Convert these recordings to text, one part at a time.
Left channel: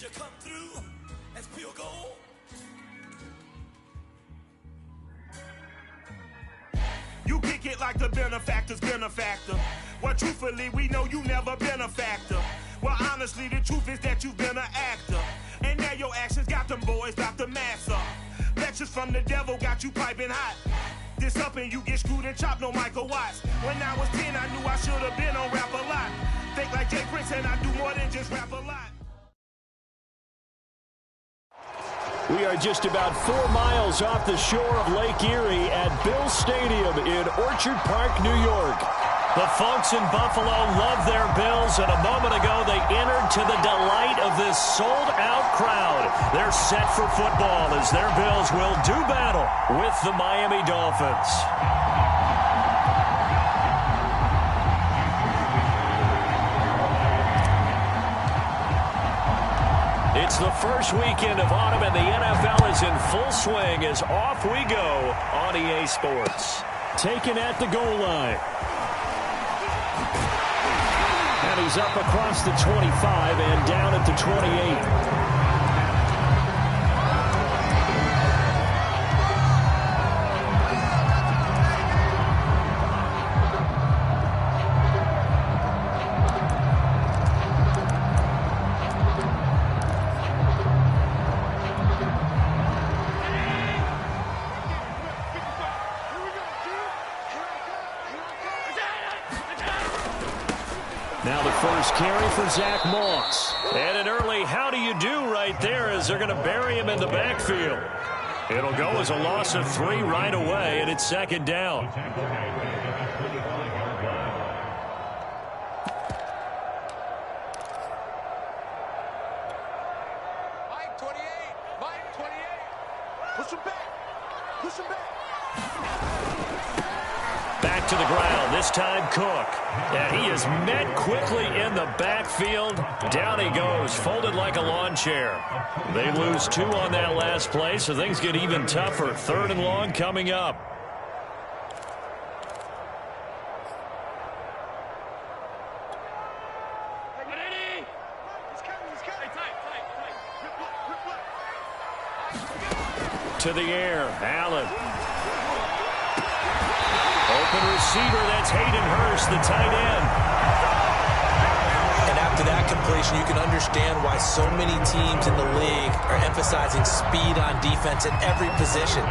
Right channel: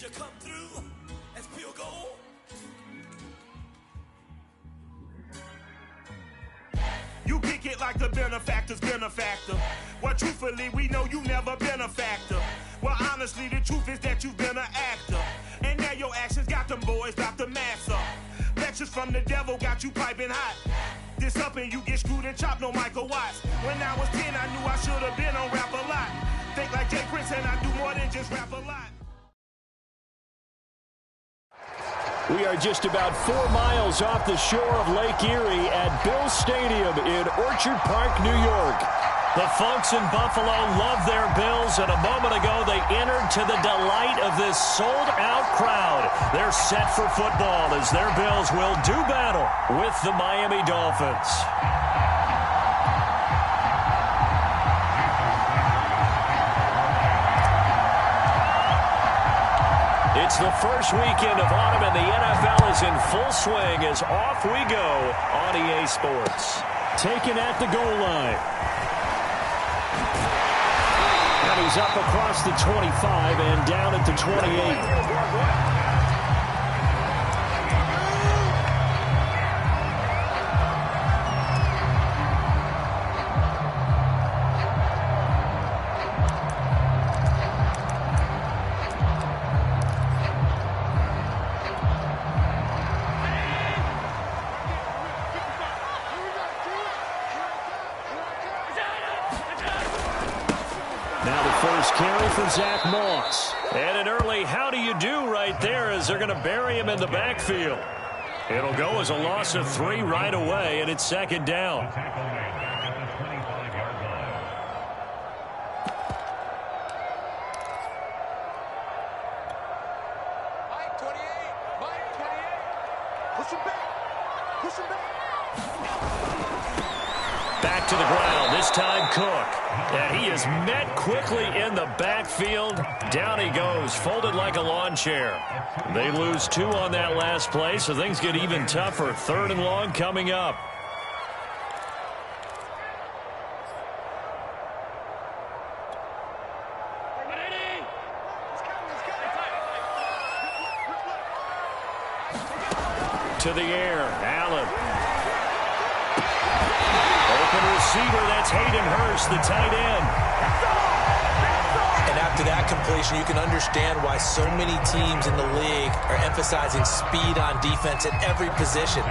you come through as pure gold? You kick it like the benefactor's benefactor. Well, truthfully, we know you never been a factor. Well, honestly, the truth is that you've been an actor. And now your actions got them boys about to mass up. Lectures from the devil got you piping hot. This up and you get screwed and chopped, no Michael Watts. When I was 10, I knew I should have been on rap a lot. Think like Jay Prince and I do more than just rap a lot. We are just about 4 miles off the shore of Lake Erie at Bills Stadium in Orchard Park, New York. The folks in Buffalo love their Bills, and a moment ago they entered to the delight of this sold-out crowd. They're set for football as their Bills will do battle with the Miami Dolphins. It's the first weekend of autumn, and the NFL is in full swing as off we go on EA Sports. Taken at the goal line. And he's up across the 25 and down at the 28. Now the first carry for Zach Moss. And an early how do you do right there as they're going to bury him in the backfield. It'll go as a loss of 3 right away, and it's second down. Mike 28, Mike 28. Push him back. Push him back. Back to the ground, this time Cook. And he is met quickly in the backfield. Down he goes, folded like a lawn chair. They lose 2 on that last play, so things get even tougher. 3rd and long coming up. To the air, Allen. Open receiver, that's Hayden Hurst, the tight end. And after that completion, you can understand why so many teams in the league are emphasizing speed on defense at every position.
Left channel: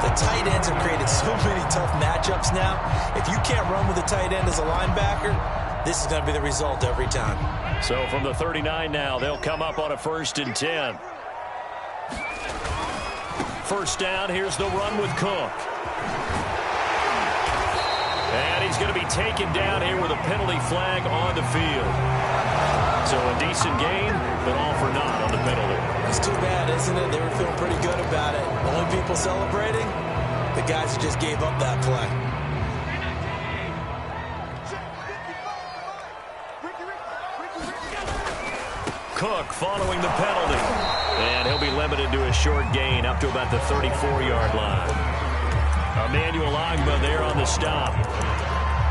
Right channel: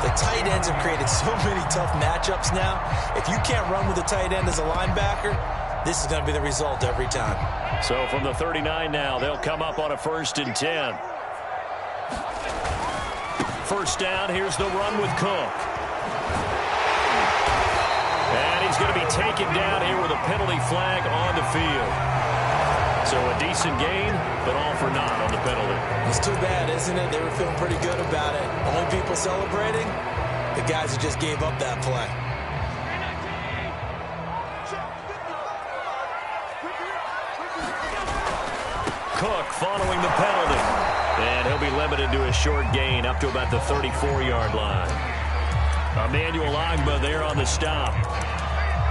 The tight ends have created so many tough matchups now. If you can't run with a tight end as a linebacker, this is going to be the result every time. So from the 39 now, they'll come up on a 1st and 10. First down, here's the run with Cook. And he's going to be taken down here with a penalty flag on the field. So a decent gain, but all for naught on the penalty. It's too bad, isn't it? They were feeling pretty good about it. Only people celebrating, the guys who just gave up that play. Cook following the penalty. And he'll be limited to a short gain up to about the 34-yard line. Emmanuel Ogbah there on the stop.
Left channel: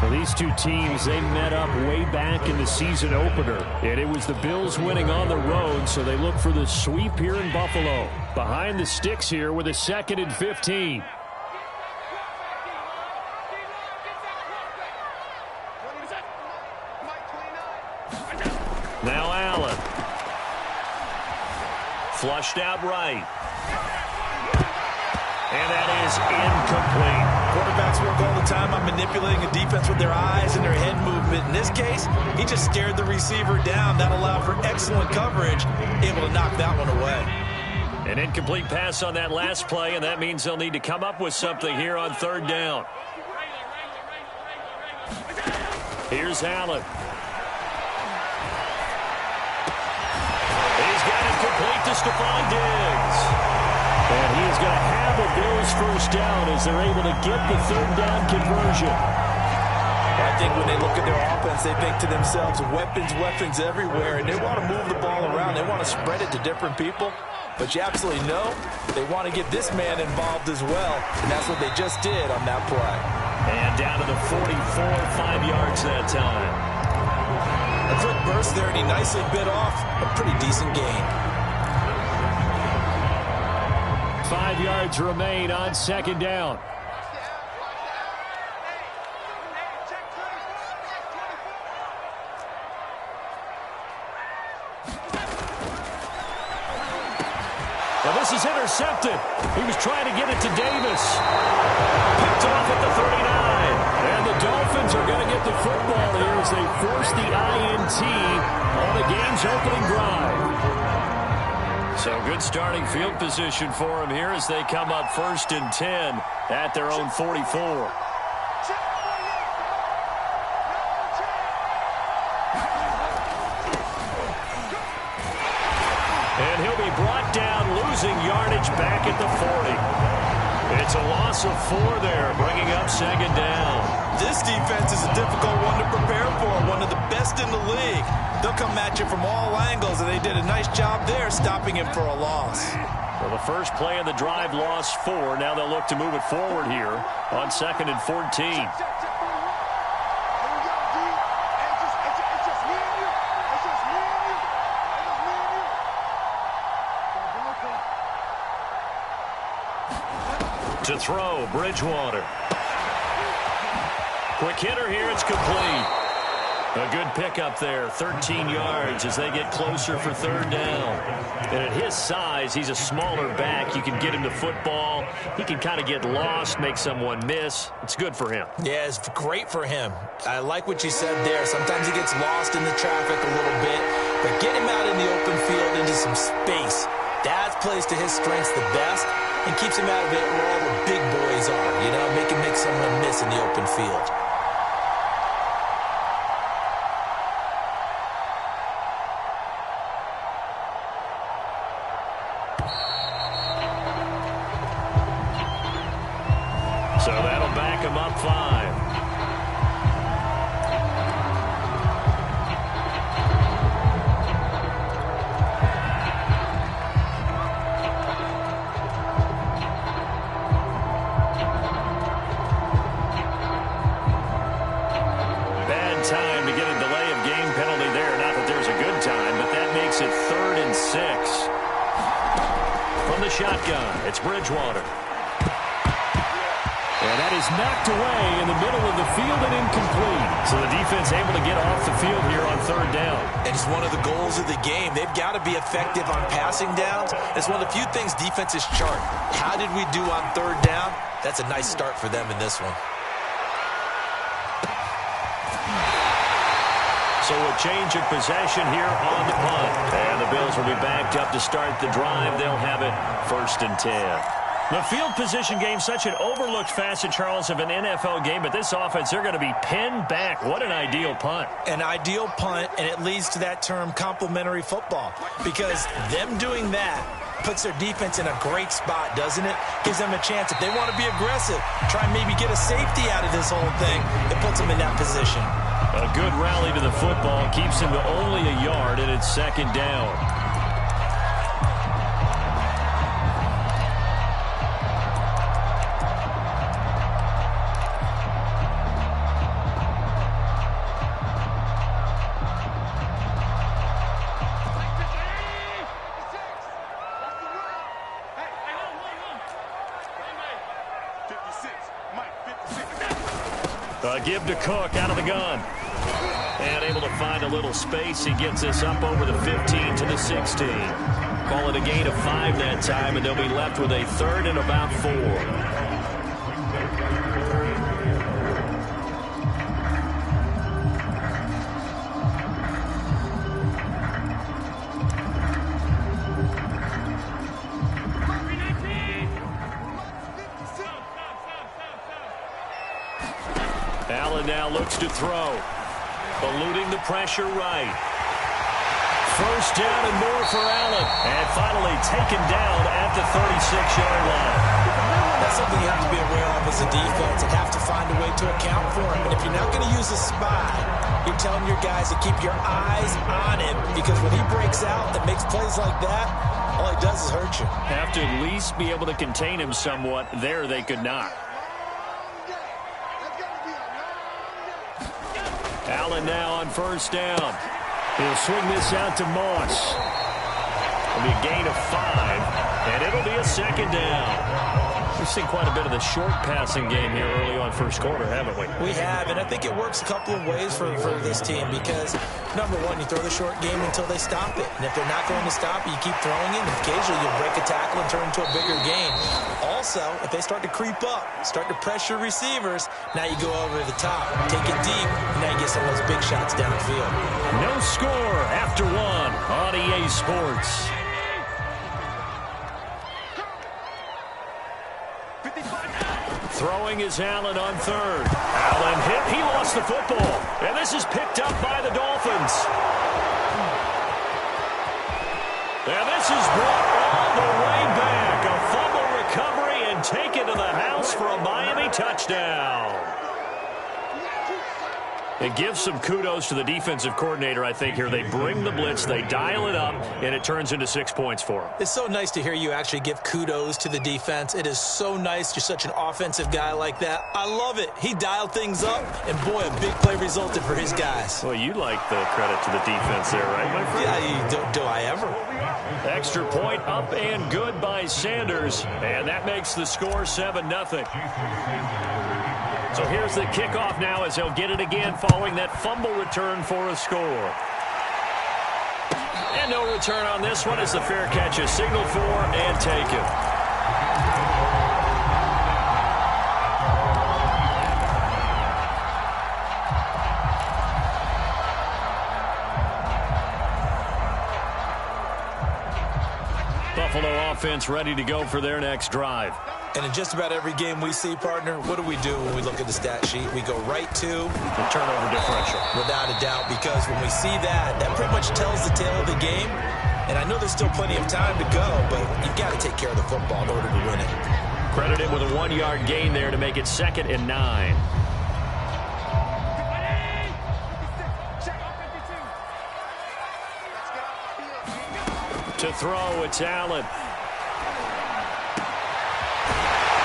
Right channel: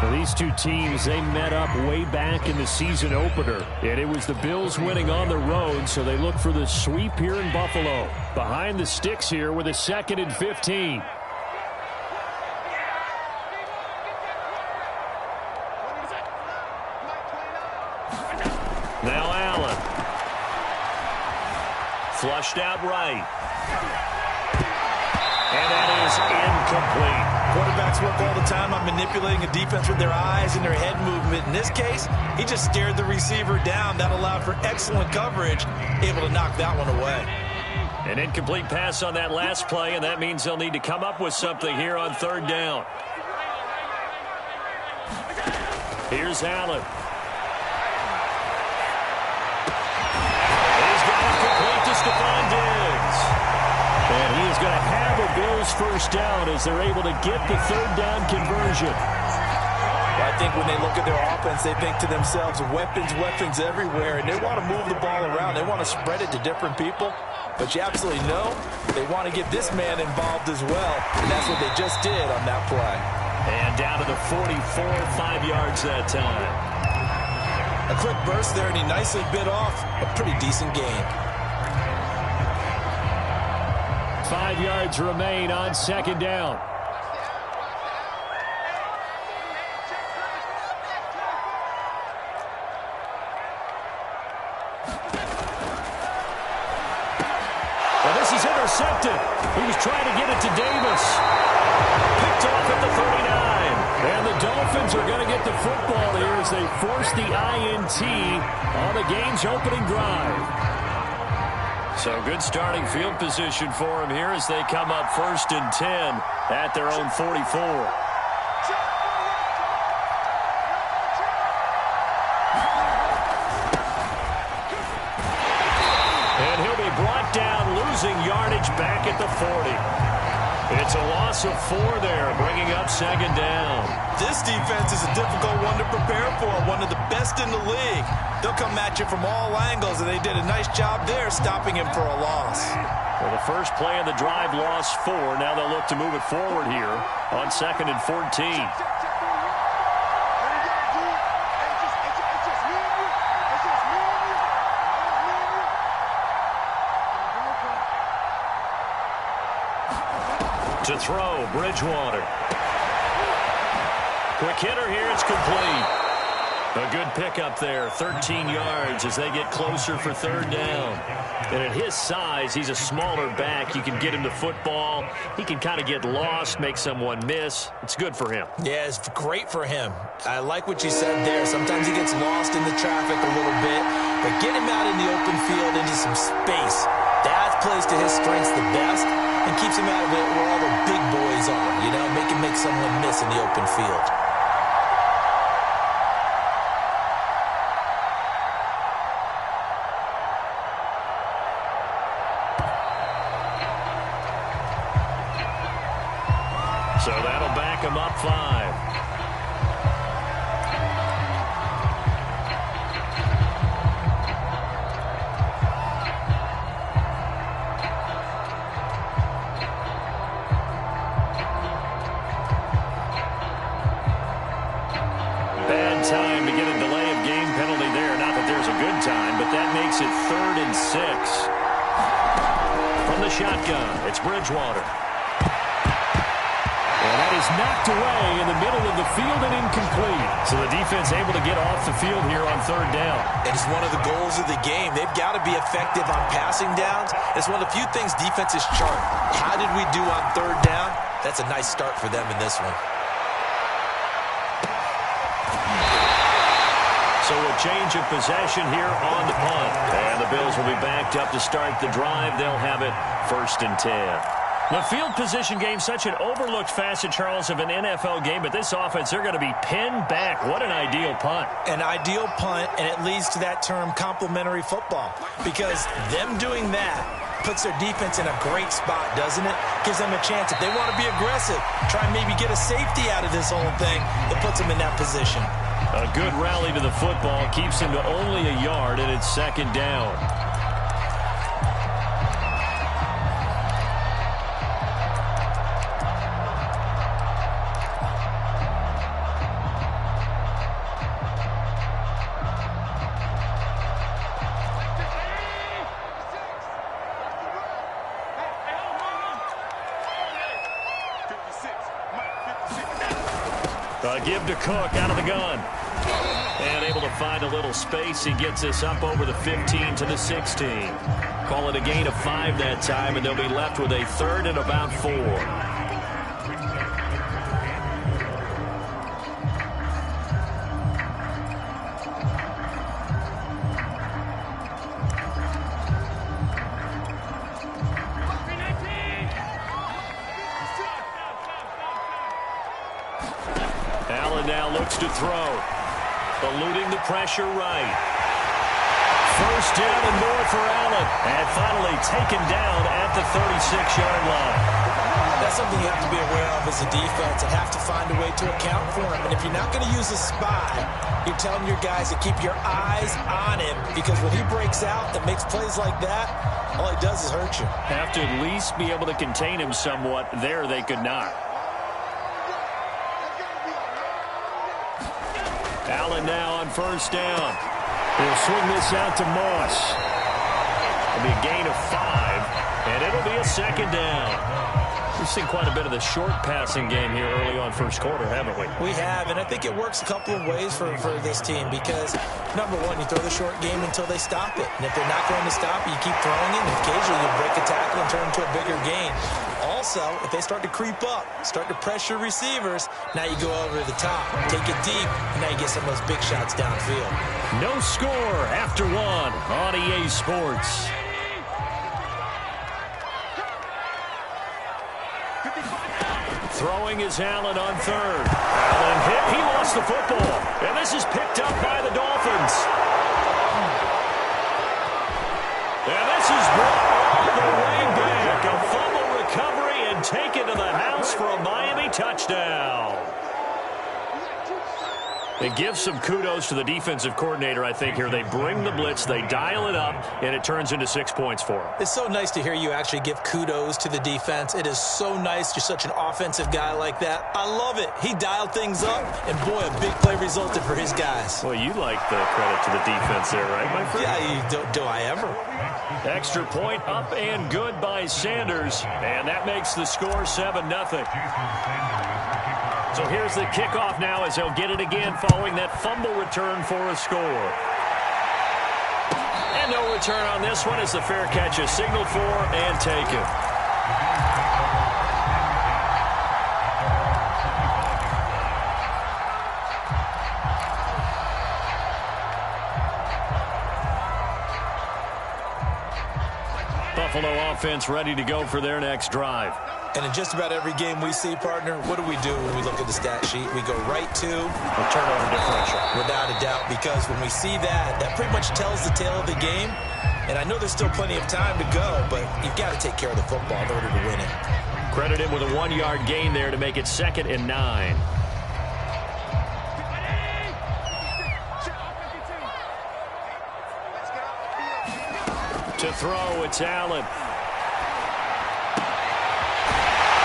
Well, these two teams, they met up way back in the season opener. And it was the Bills winning on the road, so they look for the sweep here in Buffalo. Behind the sticks here with a 2nd and 15. Now Allen. Flushed out right. And that is incomplete. Quarterbacks work all the time on manipulating a defense with their eyes and their head movement. In this case, he just stared the receiver down. That allowed for excellent coverage, able to knock that one away. An incomplete pass on that last play, and that means they'll need to come up with something here on 3rd down. Here's Allen. He's got it complete to Stephon Diggs. And he is going to have a Bills first down as they're able to get the 3rd down conversion. Well, I think when they look at their offense, they think to themselves, weapons everywhere, and they want to move the ball around. They want to spread it to different people. But you absolutely know they want to get this man involved as well, and that's what they just did on that play. And down to the 44, 5 yards that time. A quick burst there, and he nicely bit off a pretty decent gain. 5 yards remain on second down. Well, this is intercepted. He was trying to get it to Davis. Picked off at the 39. And the Dolphins are going to get the football here as they force the INT on the game's opening drive. So good starting field position for him here as they come up 1st and 10 at their own 44. And he'll be brought down, losing yardage back at the 40. It's a loss of 4 there, bringing up second down. This defense is a difficult one to prepare for, one of the best in the league. They'll come at you from all angles, and they did a nice job there stopping him for a loss. Well, the first play of the drive lost 4. Now they'll look to move it forward here on 2nd and 14. To throw, Bridgewater. Quick hitter here, it's complete. A good pickup there, 13 yards as they get closer for 3rd down. And at his size, he's a smaller back. You can get him the football. He can kind of get lost, make someone miss. It's good for him. Yeah, it's great for him. I like what you said there. Sometimes he gets lost in the traffic a little bit, but get him out in the open field into some space. That plays to his strengths the best and keeps him out of it where all the big boys are, you know, make someone miss in the open field. So that'll back him up 5. Bad time to get a delay of game penalty there. Not that there's a good time, but that makes it 3rd and 6. From the shotgun, it's Bridgewater. And that is knocked away in the middle of the field and incomplete. So the defense able to get off the field here on 3rd down. And it's one of the goals of the game. They've got to be effective on passing downs. It's one of the few things defenses chart. How did we do on 3rd down? That's a nice start for them in this one. So a change of possession here on the punt. And the Bills will be backed up to start the drive. They'll have it 1st and 10. The field position game, such an overlooked facet, Charles, of an NFL game. But this offense, they're going to be pinned back. What an ideal punt. An ideal punt, and it leads to that term complementary football. Because them doing that puts their defense in a great spot, doesn't it? Gives them a chance. If they want to be aggressive, try and maybe get a safety out of this whole thing, it puts them in that position. A good rally to the football keeps him to only a yard, and it's 2nd down. Give to Cook out of the gun. And able to find a little space. He gets this up over the 15 to the 16. Call it a gain of 5 that time, and they'll be left with a 3rd and about 4. Allen now looks to throw. Eluding the pressure right. 1st down and more for Allen. And finally taken down at the 36-yard line. That's something you have to be aware of as a defense and have to find a way to account for him. And if you're not going to use a spy, you're telling your guys to keep your eyes on him, because when he breaks out and makes plays like that, all he does is hurt you. Have to at least be able to contain him somewhat. There they could not. Allen now on 1st down. He'll swing this out to Moss. It'll be a gain of 5, and it'll be a second down. We've seen quite a bit of the short passing game here early on first quarter, haven't we? We have, and I think it works a couple of ways for this team because, number one, you throw the short game until they stop it. And if they're not going to stop it, you keep throwing it, and occasionally you'll break a tackle and turn into a bigger gain. Also, if they start to creep up, start to pressure receivers, now you go over the top, take it deep, and now you get some of those big shots downfield. No score after 1 on EA Sports. Throwing is Allen on third. Allen hit. He lost the football. And this is picked up by the Dolphins. And this is brought all the way back. A fumble recovery and taken to the house for a Miami touchdown. It gives some kudos to the defensive coordinator, I think, here. They bring the blitz, they dial it up, and it turns into 6 points for them. It's so nice to hear you actually give kudos to the defense. It is so nice. You're such an offensive guy like that. I love it. He dialed things up, and boy, a big play resulted for his guys. Well, you like the credit to the defense there, right, my friend? Yeah, do I ever? Extra point up and good by Sanders, and that makes the score 7-0. So here's the kickoff now as they'll get it again following that fumble return for a score. And no return on this one as the fair catch is signaled for and taken. Buffalo offense ready to go for their next drive. And in just about every game we see, partner, what do we do when we look at the stat sheet? We go right to the turnover differential. Without a doubt, because when we see that, that pretty much tells the tale of the game. And I know there's still plenty of time to go, but you've got to take care of the football in order to win it. Credit him with a 1-yard gain there to make it 2nd and 9. To throw, it's Allen.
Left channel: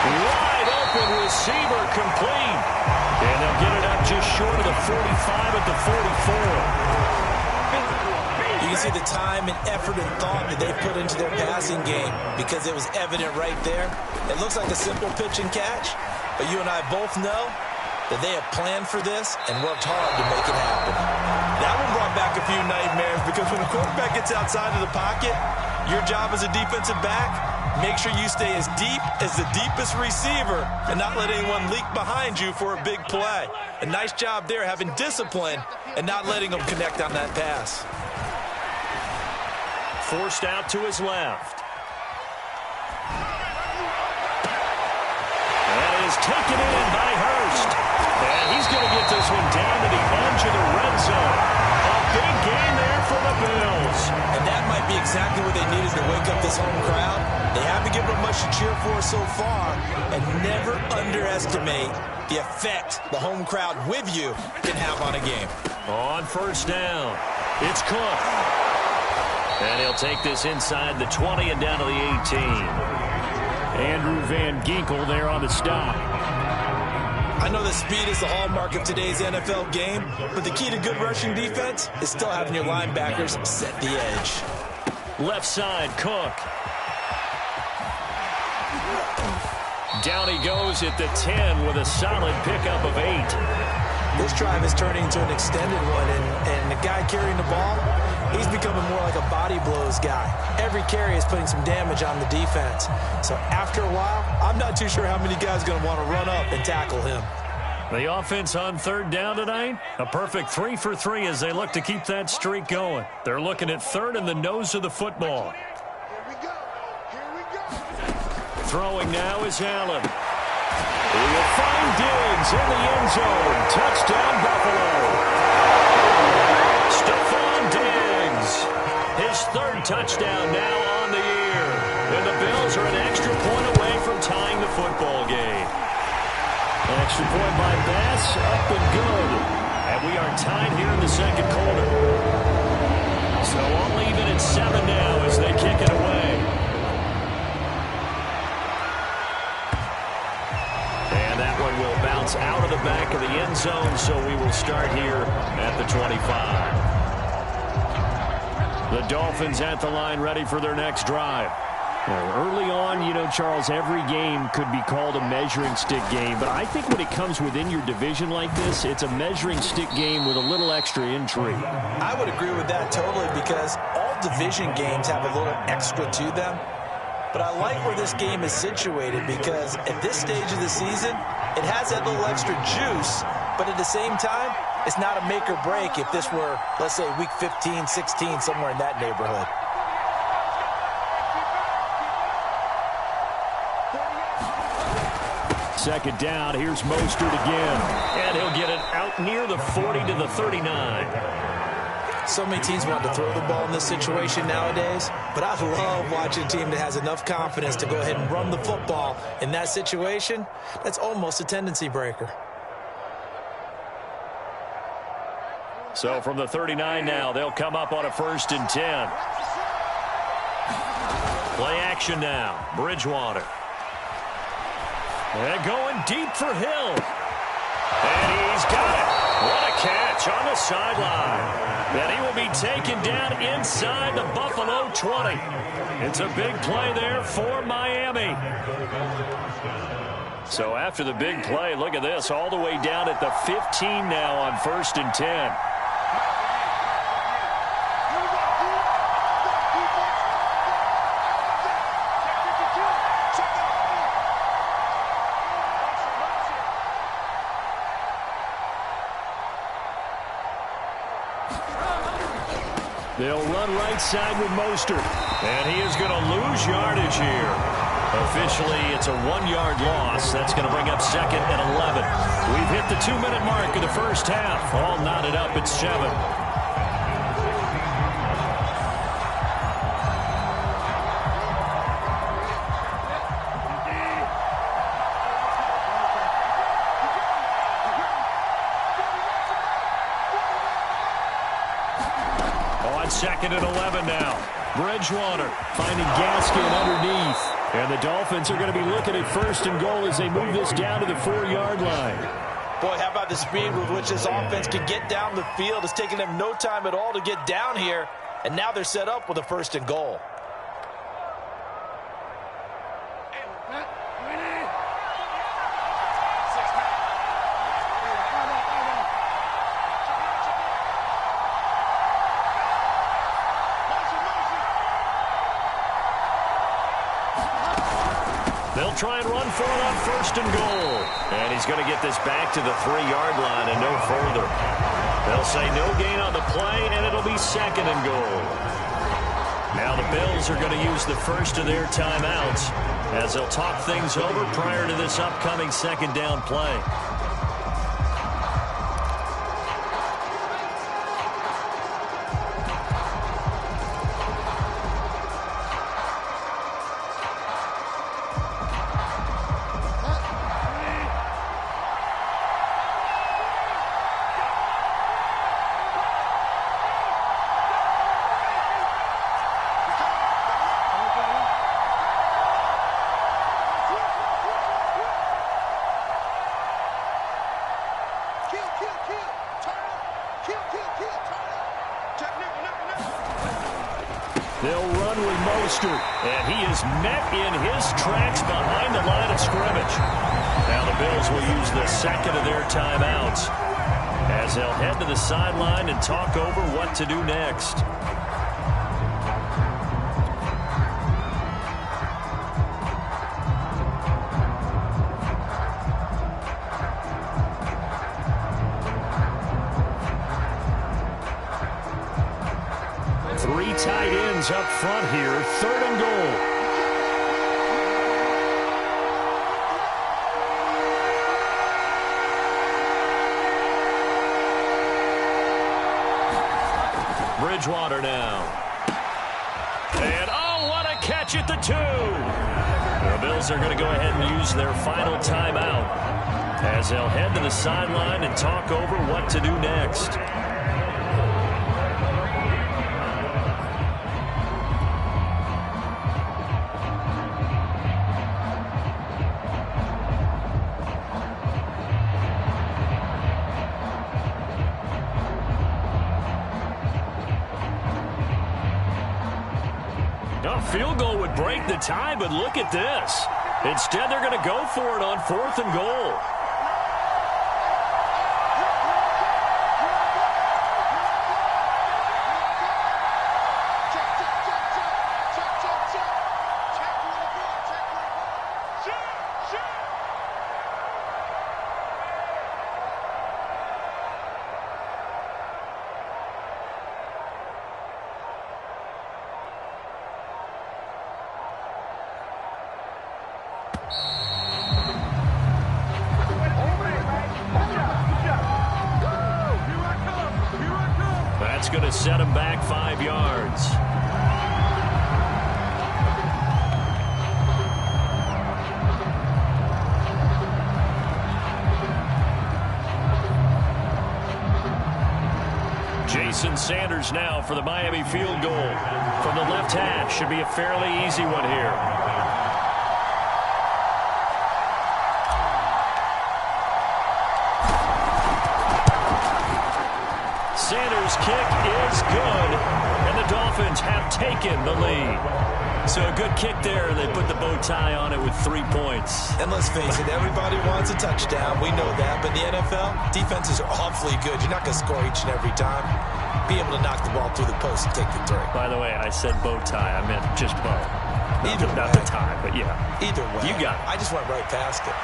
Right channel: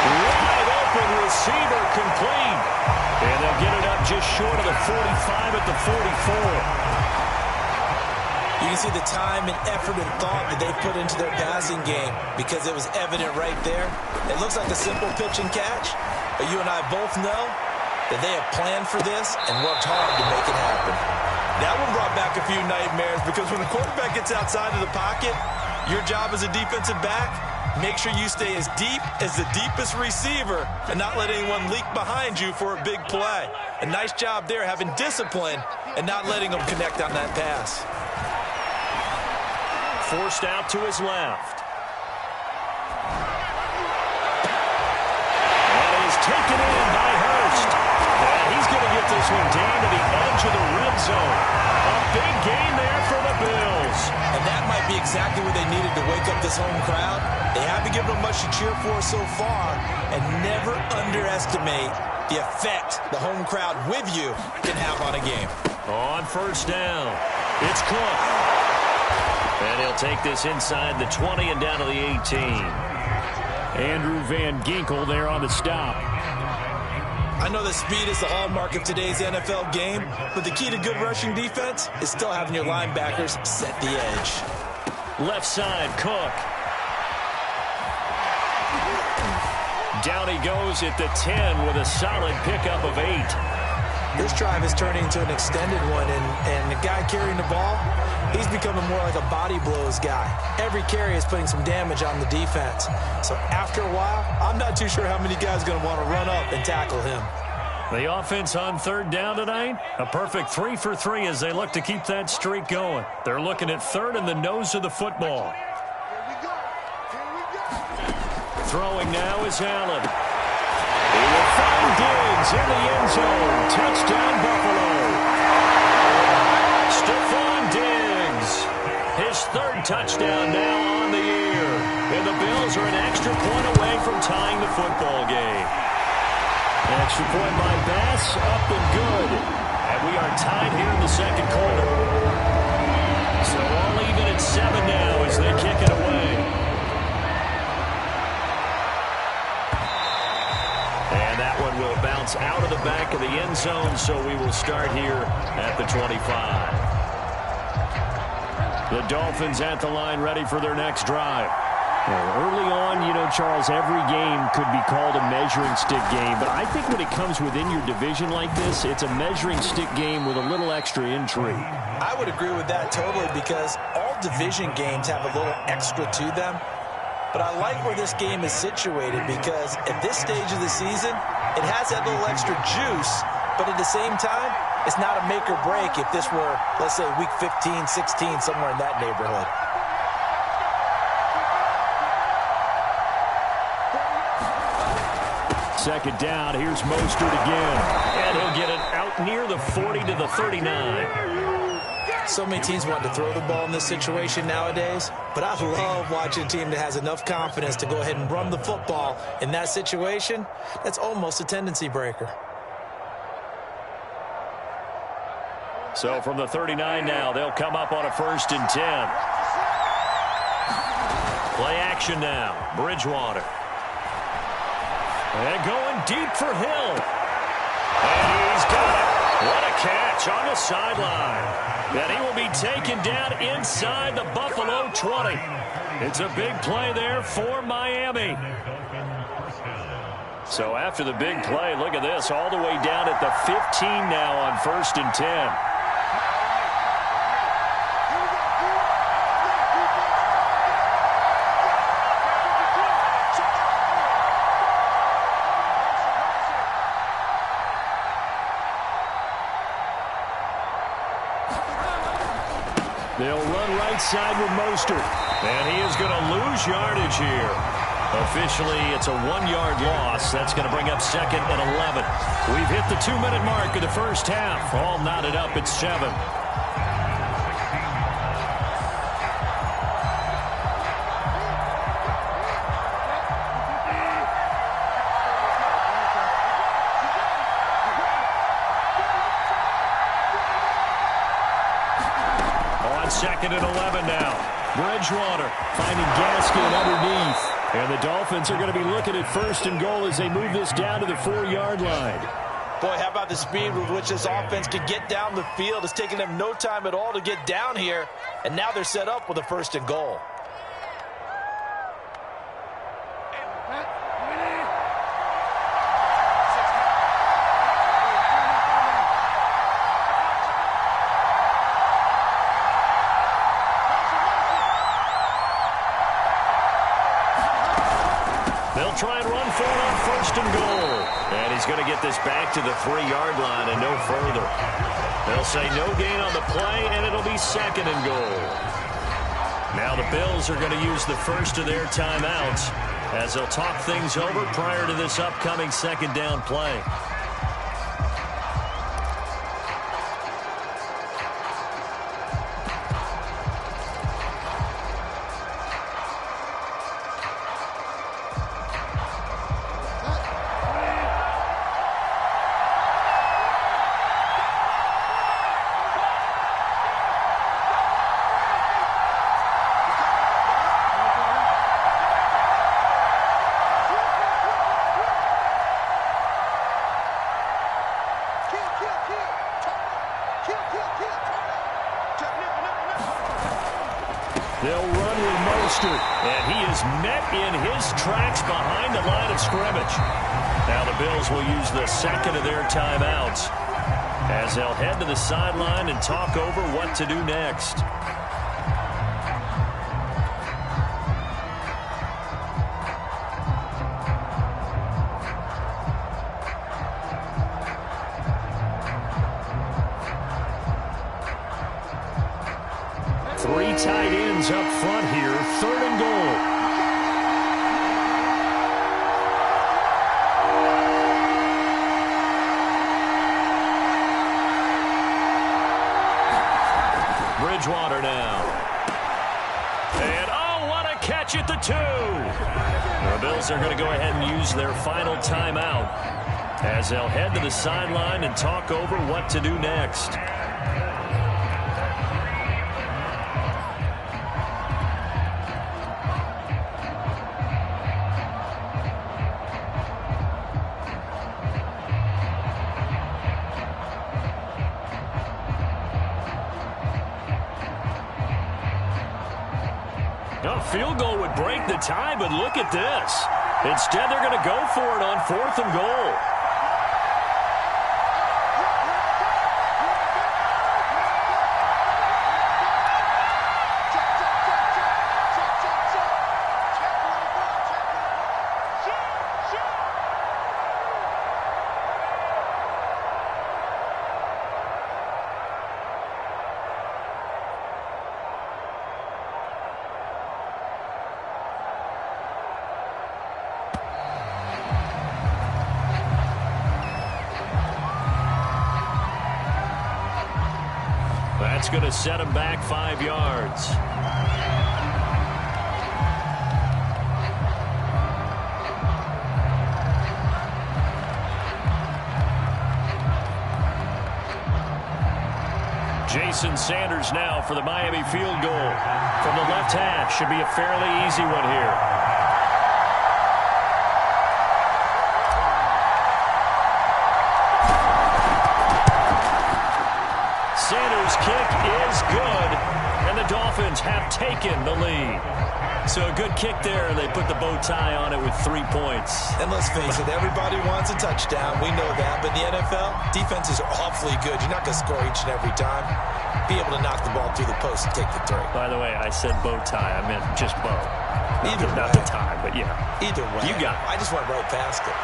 Wide open receiver complete. And they'll get it up just short of the 45 at the 44. You can see the time and effort and thought that they put into their passing game because it was evident right there. It looks like a simple pitch and catch, but you and I both know that they have planned for this and worked hard to make it happen. That one brought back a few nightmares because when the quarterback gets outside of the pocket, your job as a defensive back, make sure you stay as deep as the deepest receiver and not let anyone leak behind you for a big play. A nice job there having discipline and not letting them connect on that pass. Forced out to his left. That is taken in by Hurst. And he's going to get this one down to the edge of the red zone. A big game there for the Bills. And that might be exactly what they needed to wake up this home crowd. They haven't given them much to cheer for so far. And never underestimate the effect the home crowd with you can have on a game. On first down, it's Cook. And he'll take this inside the 20 and down to the 18. Andrew Van Ginkel there on the stop. I know that speed is the hallmark of today's NFL game, but the key to good rushing defense is still having your linebackers set the edge. Left side, Cook. Down he goes at the 10 with a solid pickup of 8. This drive is turning into an extended one, and the guy carrying the ball, he's becoming more like a body blows guy. Every carry is putting some damage on the defense. So after a while, I'm not too sure how many guys are going to want to run up and tackle him. The offense on third down tonight, a perfect 3 for 3 as they look to keep that streak going. They're looking at third and the nose of the football. Throwing now is Allen. He will find Diggs in the end zone. Touchdown, Buffalo. Stephon Diggs. His third touchdown now on the year. And the Bills are an extra point away from tying the football game. An extra point by Bass, up and good. And we are tied here in the second quarter. So all even at 7 now as they kick it away. And that one will bounce out of the back of the end zone, so we will start here at the 25. The Dolphins at the line ready for their next drive. Early on, you know, Charles, every game could be called a measuring stick game. But I think when it comes within your division like this, it's a measuring stick game with a little extra intrigue. I would agree with that totally because all division games have a little extra to them. But I like where this game is situated because at this stage of the season, it has that little extra juice. But at the same time, it's not a make or break if this were, let's say, week 15, 16, somewhere in that neighborhood. Second down, here's Mostert again. And he'll get it out near the 40 to the 39. So many teams want to throw the ball in this situation nowadays, but I love watching a team that has enough confidence to go ahead and run the football in that situation. That's almost a tendency breaker. So from the 39 now, they'll come up on a 1st and 10. Play action now, Bridgewater. And going deep for Hill. And he's got it. What a catch on the sideline. And he will be taken down inside the Buffalo 20. It's a big play there for Miami. So after the big play, look at this, all the way down at the 15 now on 1st and 10. They'll run right side with Mostert. And he is going to lose yardage here. Officially, it's a 1-yard loss. That's going to bring up 2nd and 11. We've hit the 2-minute mark of the first half. All knotted up at 7. On 2nd and 11 now. Bridgewater finding Gaskin underneath. And the Dolphins are going to be looking at 1st and goal as they move this down to the 4-yard line. Boy, how about the speed with which this offense can get down the field? It's taking them no time at all to get down here. And now they're set up with a 1st and goal. They'll try and run for it on 1st and goal. And he's going to get this back to the 3-yard line and no further. They'll say no gain on the play, and it'll be 2nd and goal. Now the Bills are going to use the first of their timeouts as they'll talk things over prior to this upcoming 2nd down play. They'll run with Mostert, and he is met in his tracks behind the line of scrimmage. Now the Bills will use the 2nd of their timeouts as they'll head to the sideline and talk over what to do next. Three tight ends up front here, 3rd and goal. Bridgewater now. And oh, what a catch at the 2. The Bills are going to go ahead and use their final timeout as they'll head to the sideline and talk over what to do next. field goal would break the tie, but look at this. Instead, they're going to go for it on 4th and goal. That's going to set him back 5 yards. Jason Sanders now for the Miami field goal. From the left hash, should be a fairly easy one here. Sanders' kick is good, and the Dolphins have taken the lead. So a good kick there, and they put the bow tie on it with 3 points. And let's face it, everybody wants a touchdown. We know that. But in the NFL, defenses are awfully good. You're not going to score each and every time. Be able to knock the ball through the post and take the 3. By the way, I said bow tie. I meant just bow. Not the tie, but yeah. Either way. You got it. I just went right past it.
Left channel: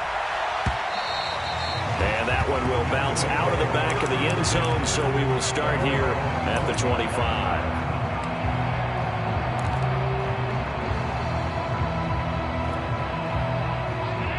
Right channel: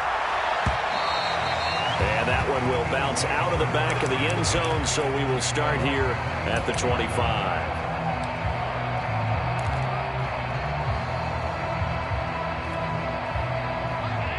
And that one will bounce out of the back of the end zone, so we will start here at the 25.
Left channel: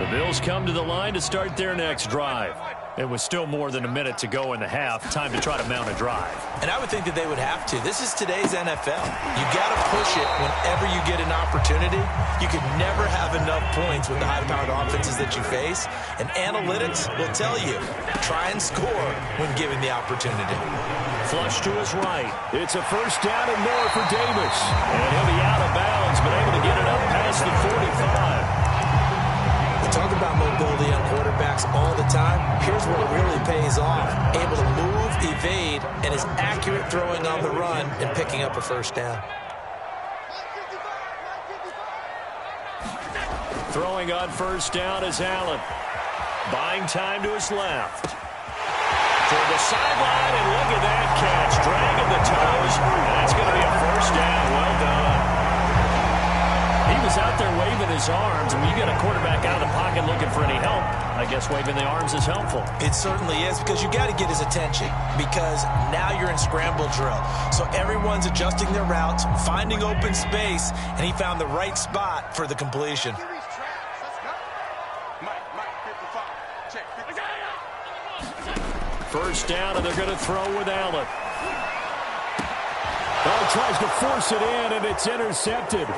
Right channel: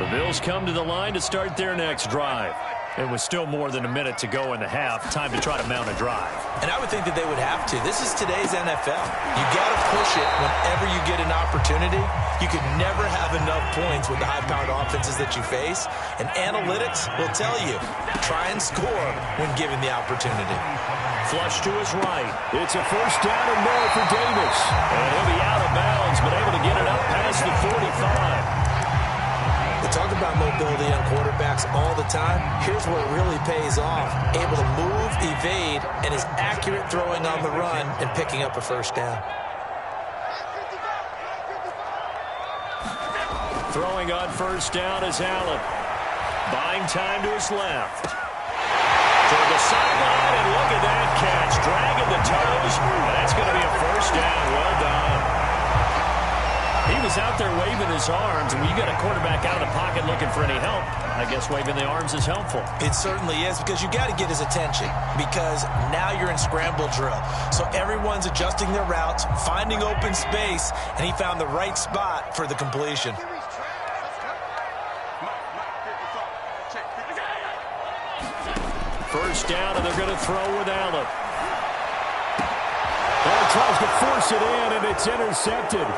The Bills come to the line to start their next drive. It was still more than a minute to go in the half. Time to try to mount a drive. And I would think that they would have to. This is today's NFL. You got to push it whenever you get an opportunity. You could never have enough points with the high-powered offenses that you face. And analytics will tell you, try and score when given the opportunity. Flush to his right. It's a first down and more for Davis. And he'll be out of bounds, but able to get it up past the 45. We talk about mobility on quarterbacks all the time. Here's where it really pays off. Able to move, evade, and is accurate throwing on the run and picking up a first down. Throwing on first down is Allen. Buying time to his left. Toward the sideline, and look at that catch. Dragging the toes, and that's going to be a first down. Well done. He was out there waving his arms, and when you got a quarterback out of the pocket looking for any help, I guess waving the arms is helpful. It certainly is, because you got to get his attention, because now you're in scramble drill. So everyone's adjusting their routes, finding open space, and he found the right spot for the completion. First down, and they're going to throw with Allen. Oh, tries to force it in, and it's intercepted.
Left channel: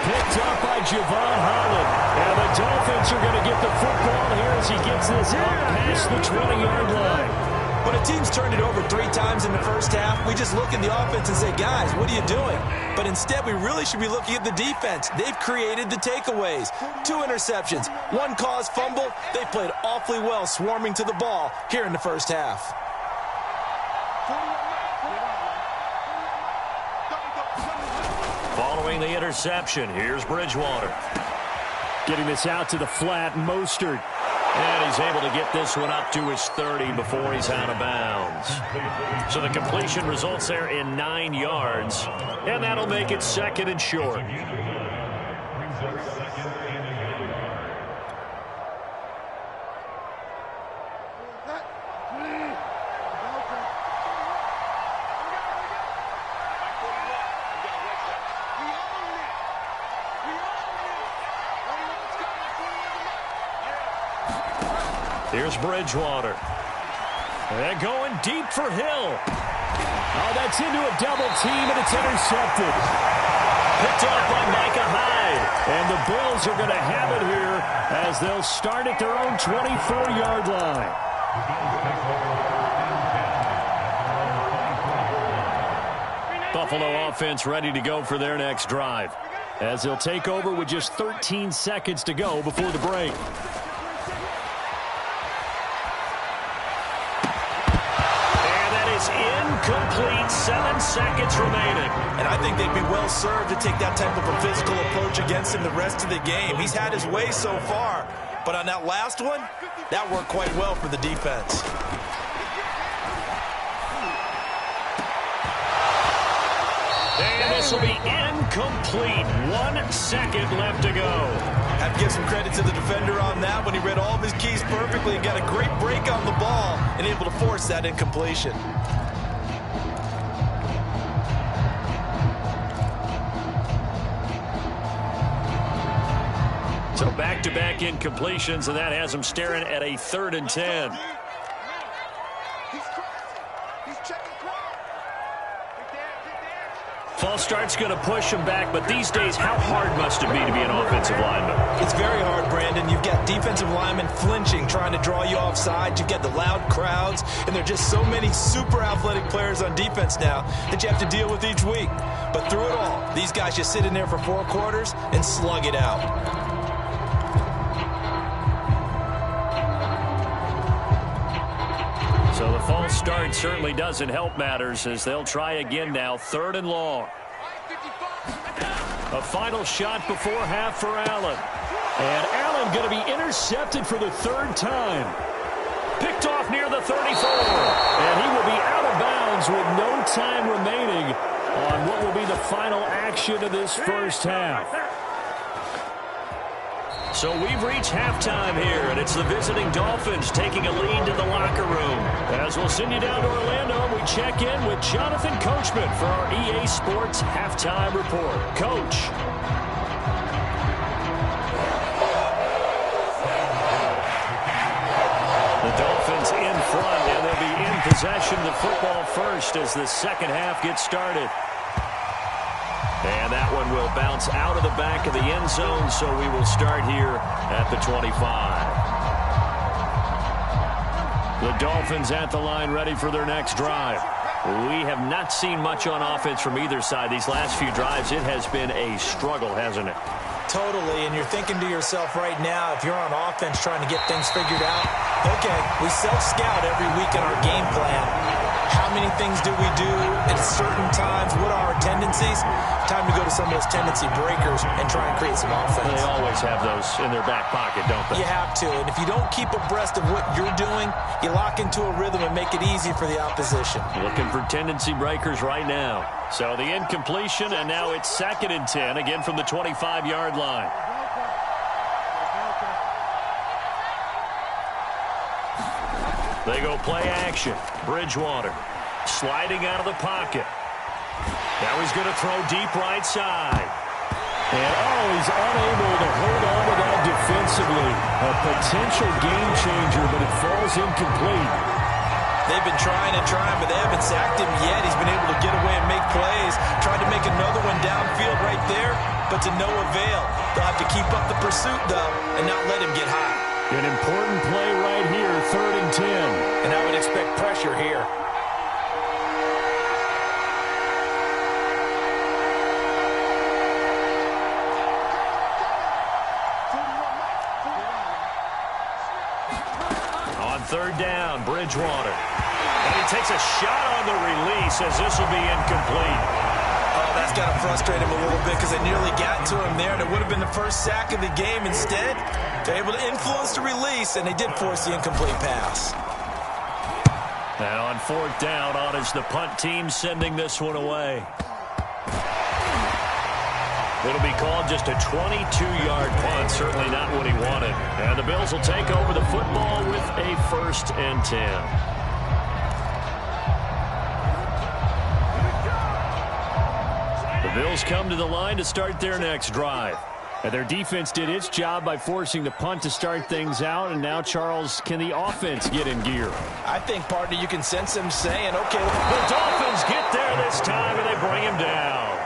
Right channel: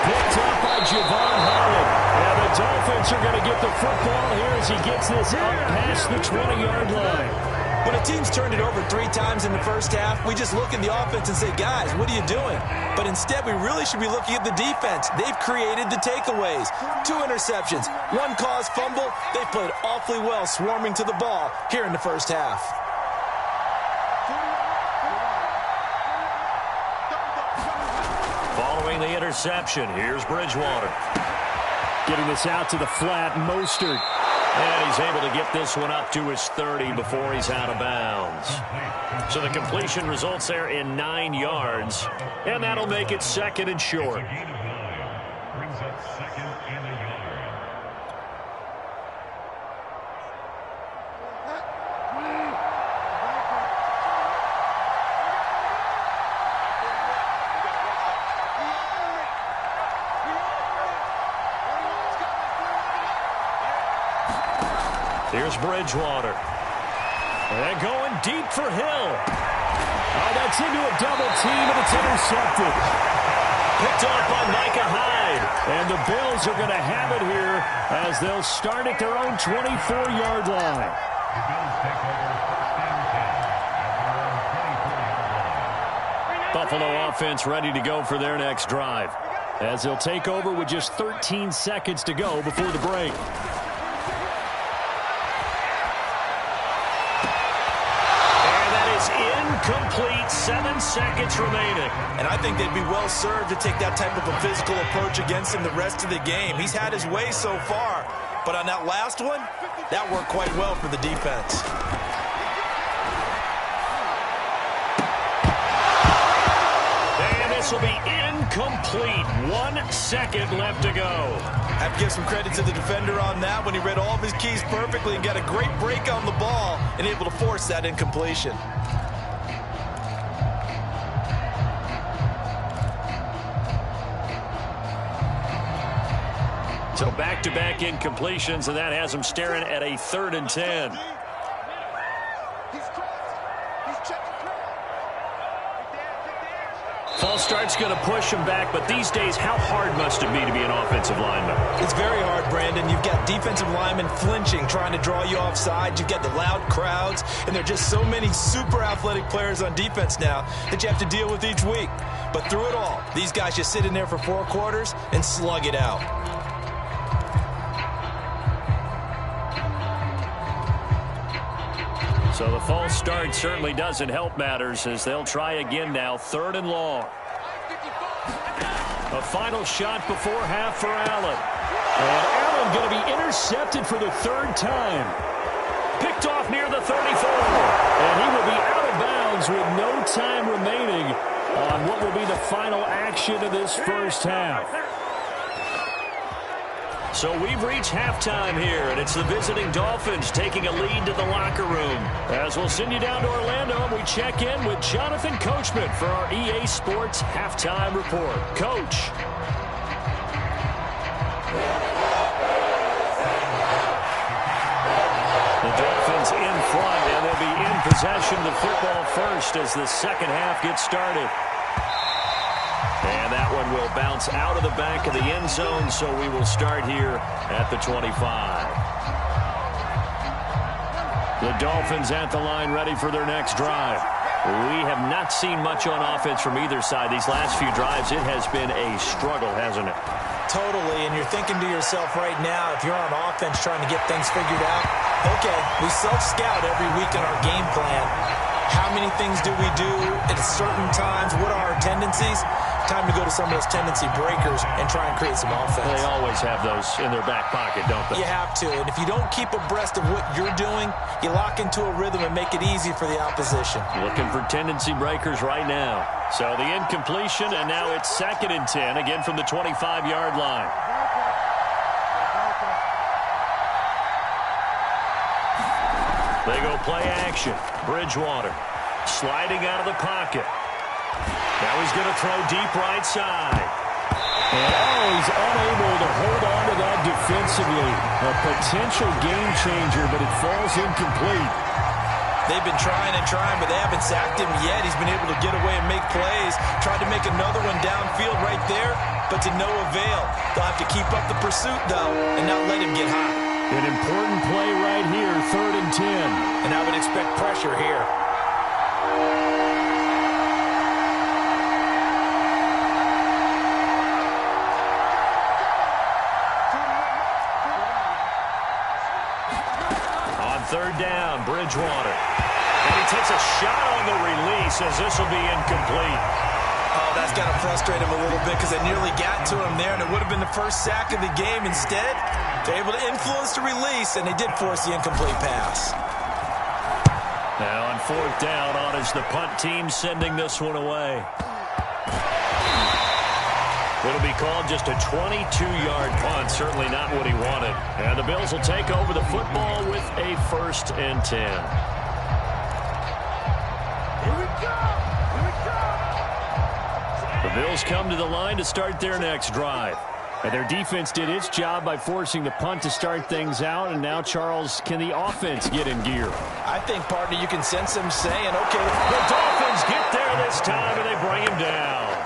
Picked up by Javon Holland. And the Dolphins are going to get the football here as he gets this up past the 20-yard line. When a team's turned it over 3 times in the first half, we just look at the offense and say, guys, what are you doing? But instead, we really should be looking at the defense. They've created the takeaways. 2 interceptions, 1 caused fumble. They've played awfully well swarming to the ball here in the first half. Following the interception, here's Bridgewater. Getting this out to the flat, Mostert. And he's able to get this one up to his 30 before he's out of bounds. So the completion results there in 9 yards. And that'll make it 2nd and short. Here's Bridgewater. And going deep for Hill. Oh, that's into a double team, and it's intercepted. Picked off by Micah Hyde. And the Bills are going to have it here as they'll start at their own 24-yard line. Buffalo offense ready to go for their next drive, as they'll take over with just 13 seconds to go before the break. incomplete. 7 seconds remaining. And I think they'd be well served to take that type of a physical approach against him the rest of the game. He's had his way so far, but on that last one, that worked quite well for the defense. And this will be incomplete. 1 second left to go. Have to give some credit to the defender on that when he read all of his keys perfectly and got a great break on the ball and able to force that incompletion. So back-to-back incompletions, and that has him staring at a 3rd and 10. False start's going to push him back, but these days, how hard must it be to be an offensive lineman? It's very hard, Brandon. You've got defensive linemen flinching, trying to draw you offside. You've got the loud crowds, and there are just so many super athletic players on defense now that you have to deal with each week. But through it all, these guys just sit in there for 4 quarters and slug it out. So the false start certainly doesn't help matters as they'll try again now. 3rd and long. A final shot before half for Allen. And Allen going to be intercepted for the 3rd time. Picked off near the 34. And he will be out of bounds with no time remaining on what will be the final action of this first half. So we've reached halftime here, and it's the visiting Dolphins taking a lead to the locker room. As we'll send you down to Orlando, and we check in with Jonathan Coachman for our EA Sports Halftime Report. Coach. The Dolphins in front, and they'll be in possession of the football first as the second half gets started. And that one will bounce out of the back of the end zone, so we will start here at the 25. The Dolphins at the line ready for their next drive. We have not seen much on offense from either side. These last few drives, it has been a struggle, hasn't it? Totally, and you're thinking to yourself right now, if you're on offense trying to get things figured out, okay, we self-scout every week in our game plan. How many things do we do at certain times? What are our tendencies? Time to go to some of those tendency breakers and try and create some offense. They always have those in their back pocket, don't they? You have to, and if you don't keep abreast of what you're doing, you lock into a rhythm and make it easy for the opposition. Looking for tendency breakers right now. So the incompletion, and now it's 2nd and 10, again from the 25-yard line. They go play action. Bridgewater sliding out of the pocket. Now he's going to throw deep right side. And he's unable to hold on to that defensively. A potential game changer, but it falls incomplete. They've been trying and trying, but they haven't sacked him yet. He's been able to get away and make plays. Tried to make another one downfield right there, but to no avail. They'll have to keep up the pursuit, though, and not let him get high. An important play right here, 3rd and 10. And I would expect pressure here. On 3rd down, Bridgewater. And he takes a shot on the release as this will be incomplete. Oh, that's got to frustrate him a little bit because they nearly got to him there, and it would have been the first sack of the game. Instead, they're able to influence the release, and they did force the incomplete pass. Now on 4th down, on is the punt team sending this one away. It'll be called just a 22-yard punt, certainly not what he wanted. And the Bills will take over the football with a 1st and 10. The Bills come to the line to start their next drive. And their defense did its job by forcing the punt to start things out. And now, Charles, can the offense get in gear? I think, partner, you can sense them saying, okay. The Dolphins get there this time, and they bring him down.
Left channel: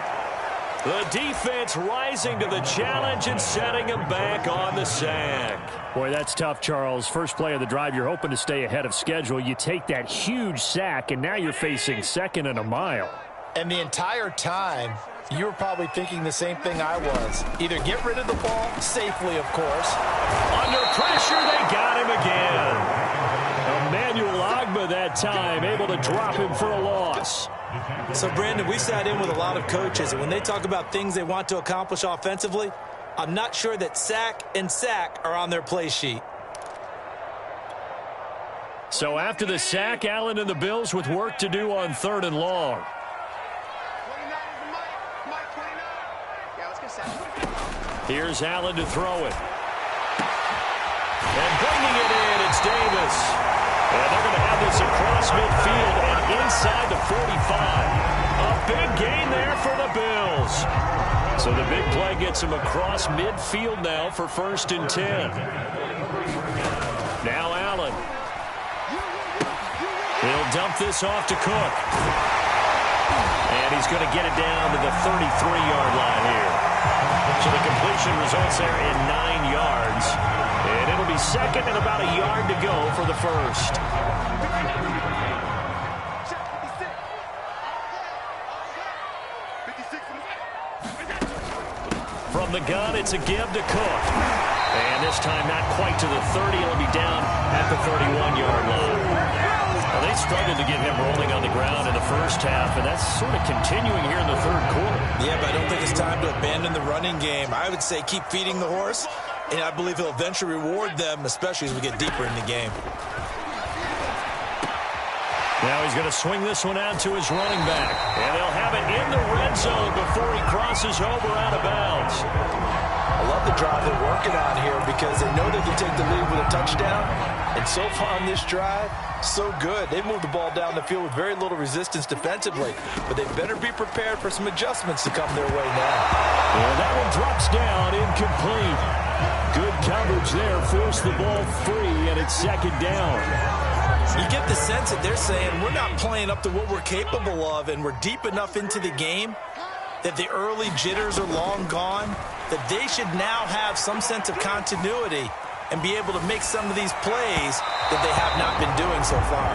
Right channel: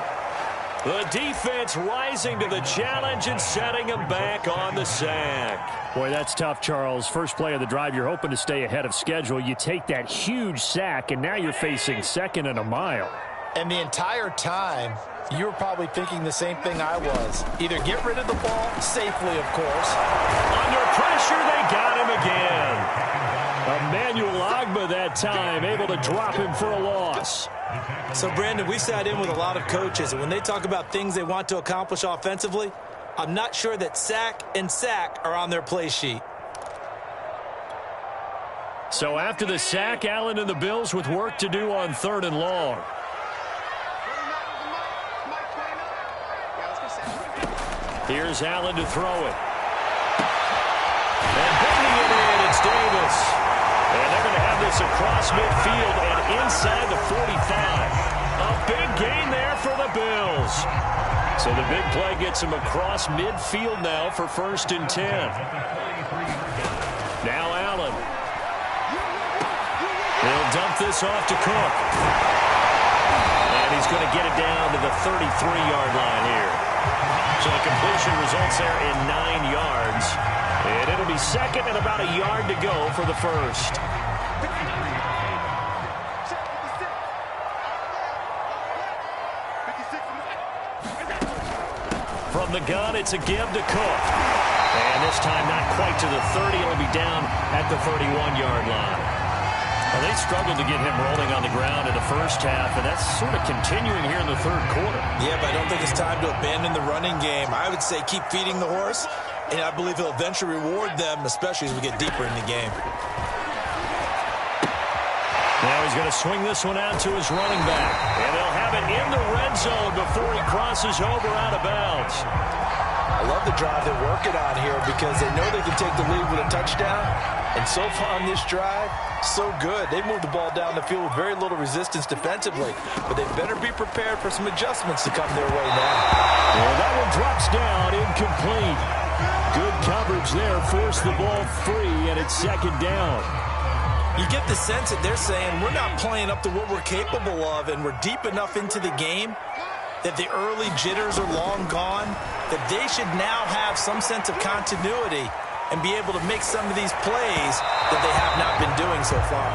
The defense rising to the challenge and setting him back on the sack. Boy, that's tough, Charles. First play of the drive, you're hoping to stay ahead of schedule. You take that huge sack, and now you're facing 2nd and a mile. And the entire time, you were probably thinking the same thing I was. Either get rid of the ball, safely, of course. Under pressure, they got him again. Emmanuel Agba that time, able to drop him for a loss. So, Brandon, we sat in with a lot of coaches, and when they talk about things they want to accomplish offensively, I'm not sure that sack and sack are on their play sheet. So after the sack, Allen and the Bills with work to do on 3rd and long. Here's Allen to throw it. And bringing it in, it's Davis. And they're going to have this across midfield and inside the 45. A big gain there for the Bills. So the big play gets him across midfield now for 1st and 10. Now Allen. He'll dump this off to Cook. And he's going to get it down to the 33-yard line here. So the completion results there in 9 yards. And it'll be 2nd and about a yard to go for the 1st. From the gun, it's a give to Cook. And this time not quite to the 30. It'll be down at the 31-yard line. Well, they struggled to get him rolling on the ground in the first half, and that's sort of continuing here in the 3rd quarter. Yeah, but I don't think it's time to abandon the running game. I would say keep feeding the horse, and I believe he'll eventually reward them, especially as we get deeper in the game. Now he's going to swing this one out to his running back, and they'll have it in the red zone before he crosses over out of bounds. I love the drive they're working on here because they know they can take the lead with a touchdown, and so far on this drive, so good. They moved the ball down the field with very little resistance defensively, but they better be prepared for some adjustments to come their way now. And that one drops down, incomplete. Good coverage there, forced the ball free, and it's 2nd down. You get the sense that they're saying we're not playing up to what we're capable of, and we're deep enough into the game that the early jitters are long gone, that they should now have some sense of continuity and be able to make some of these plays that they have not been doing so far.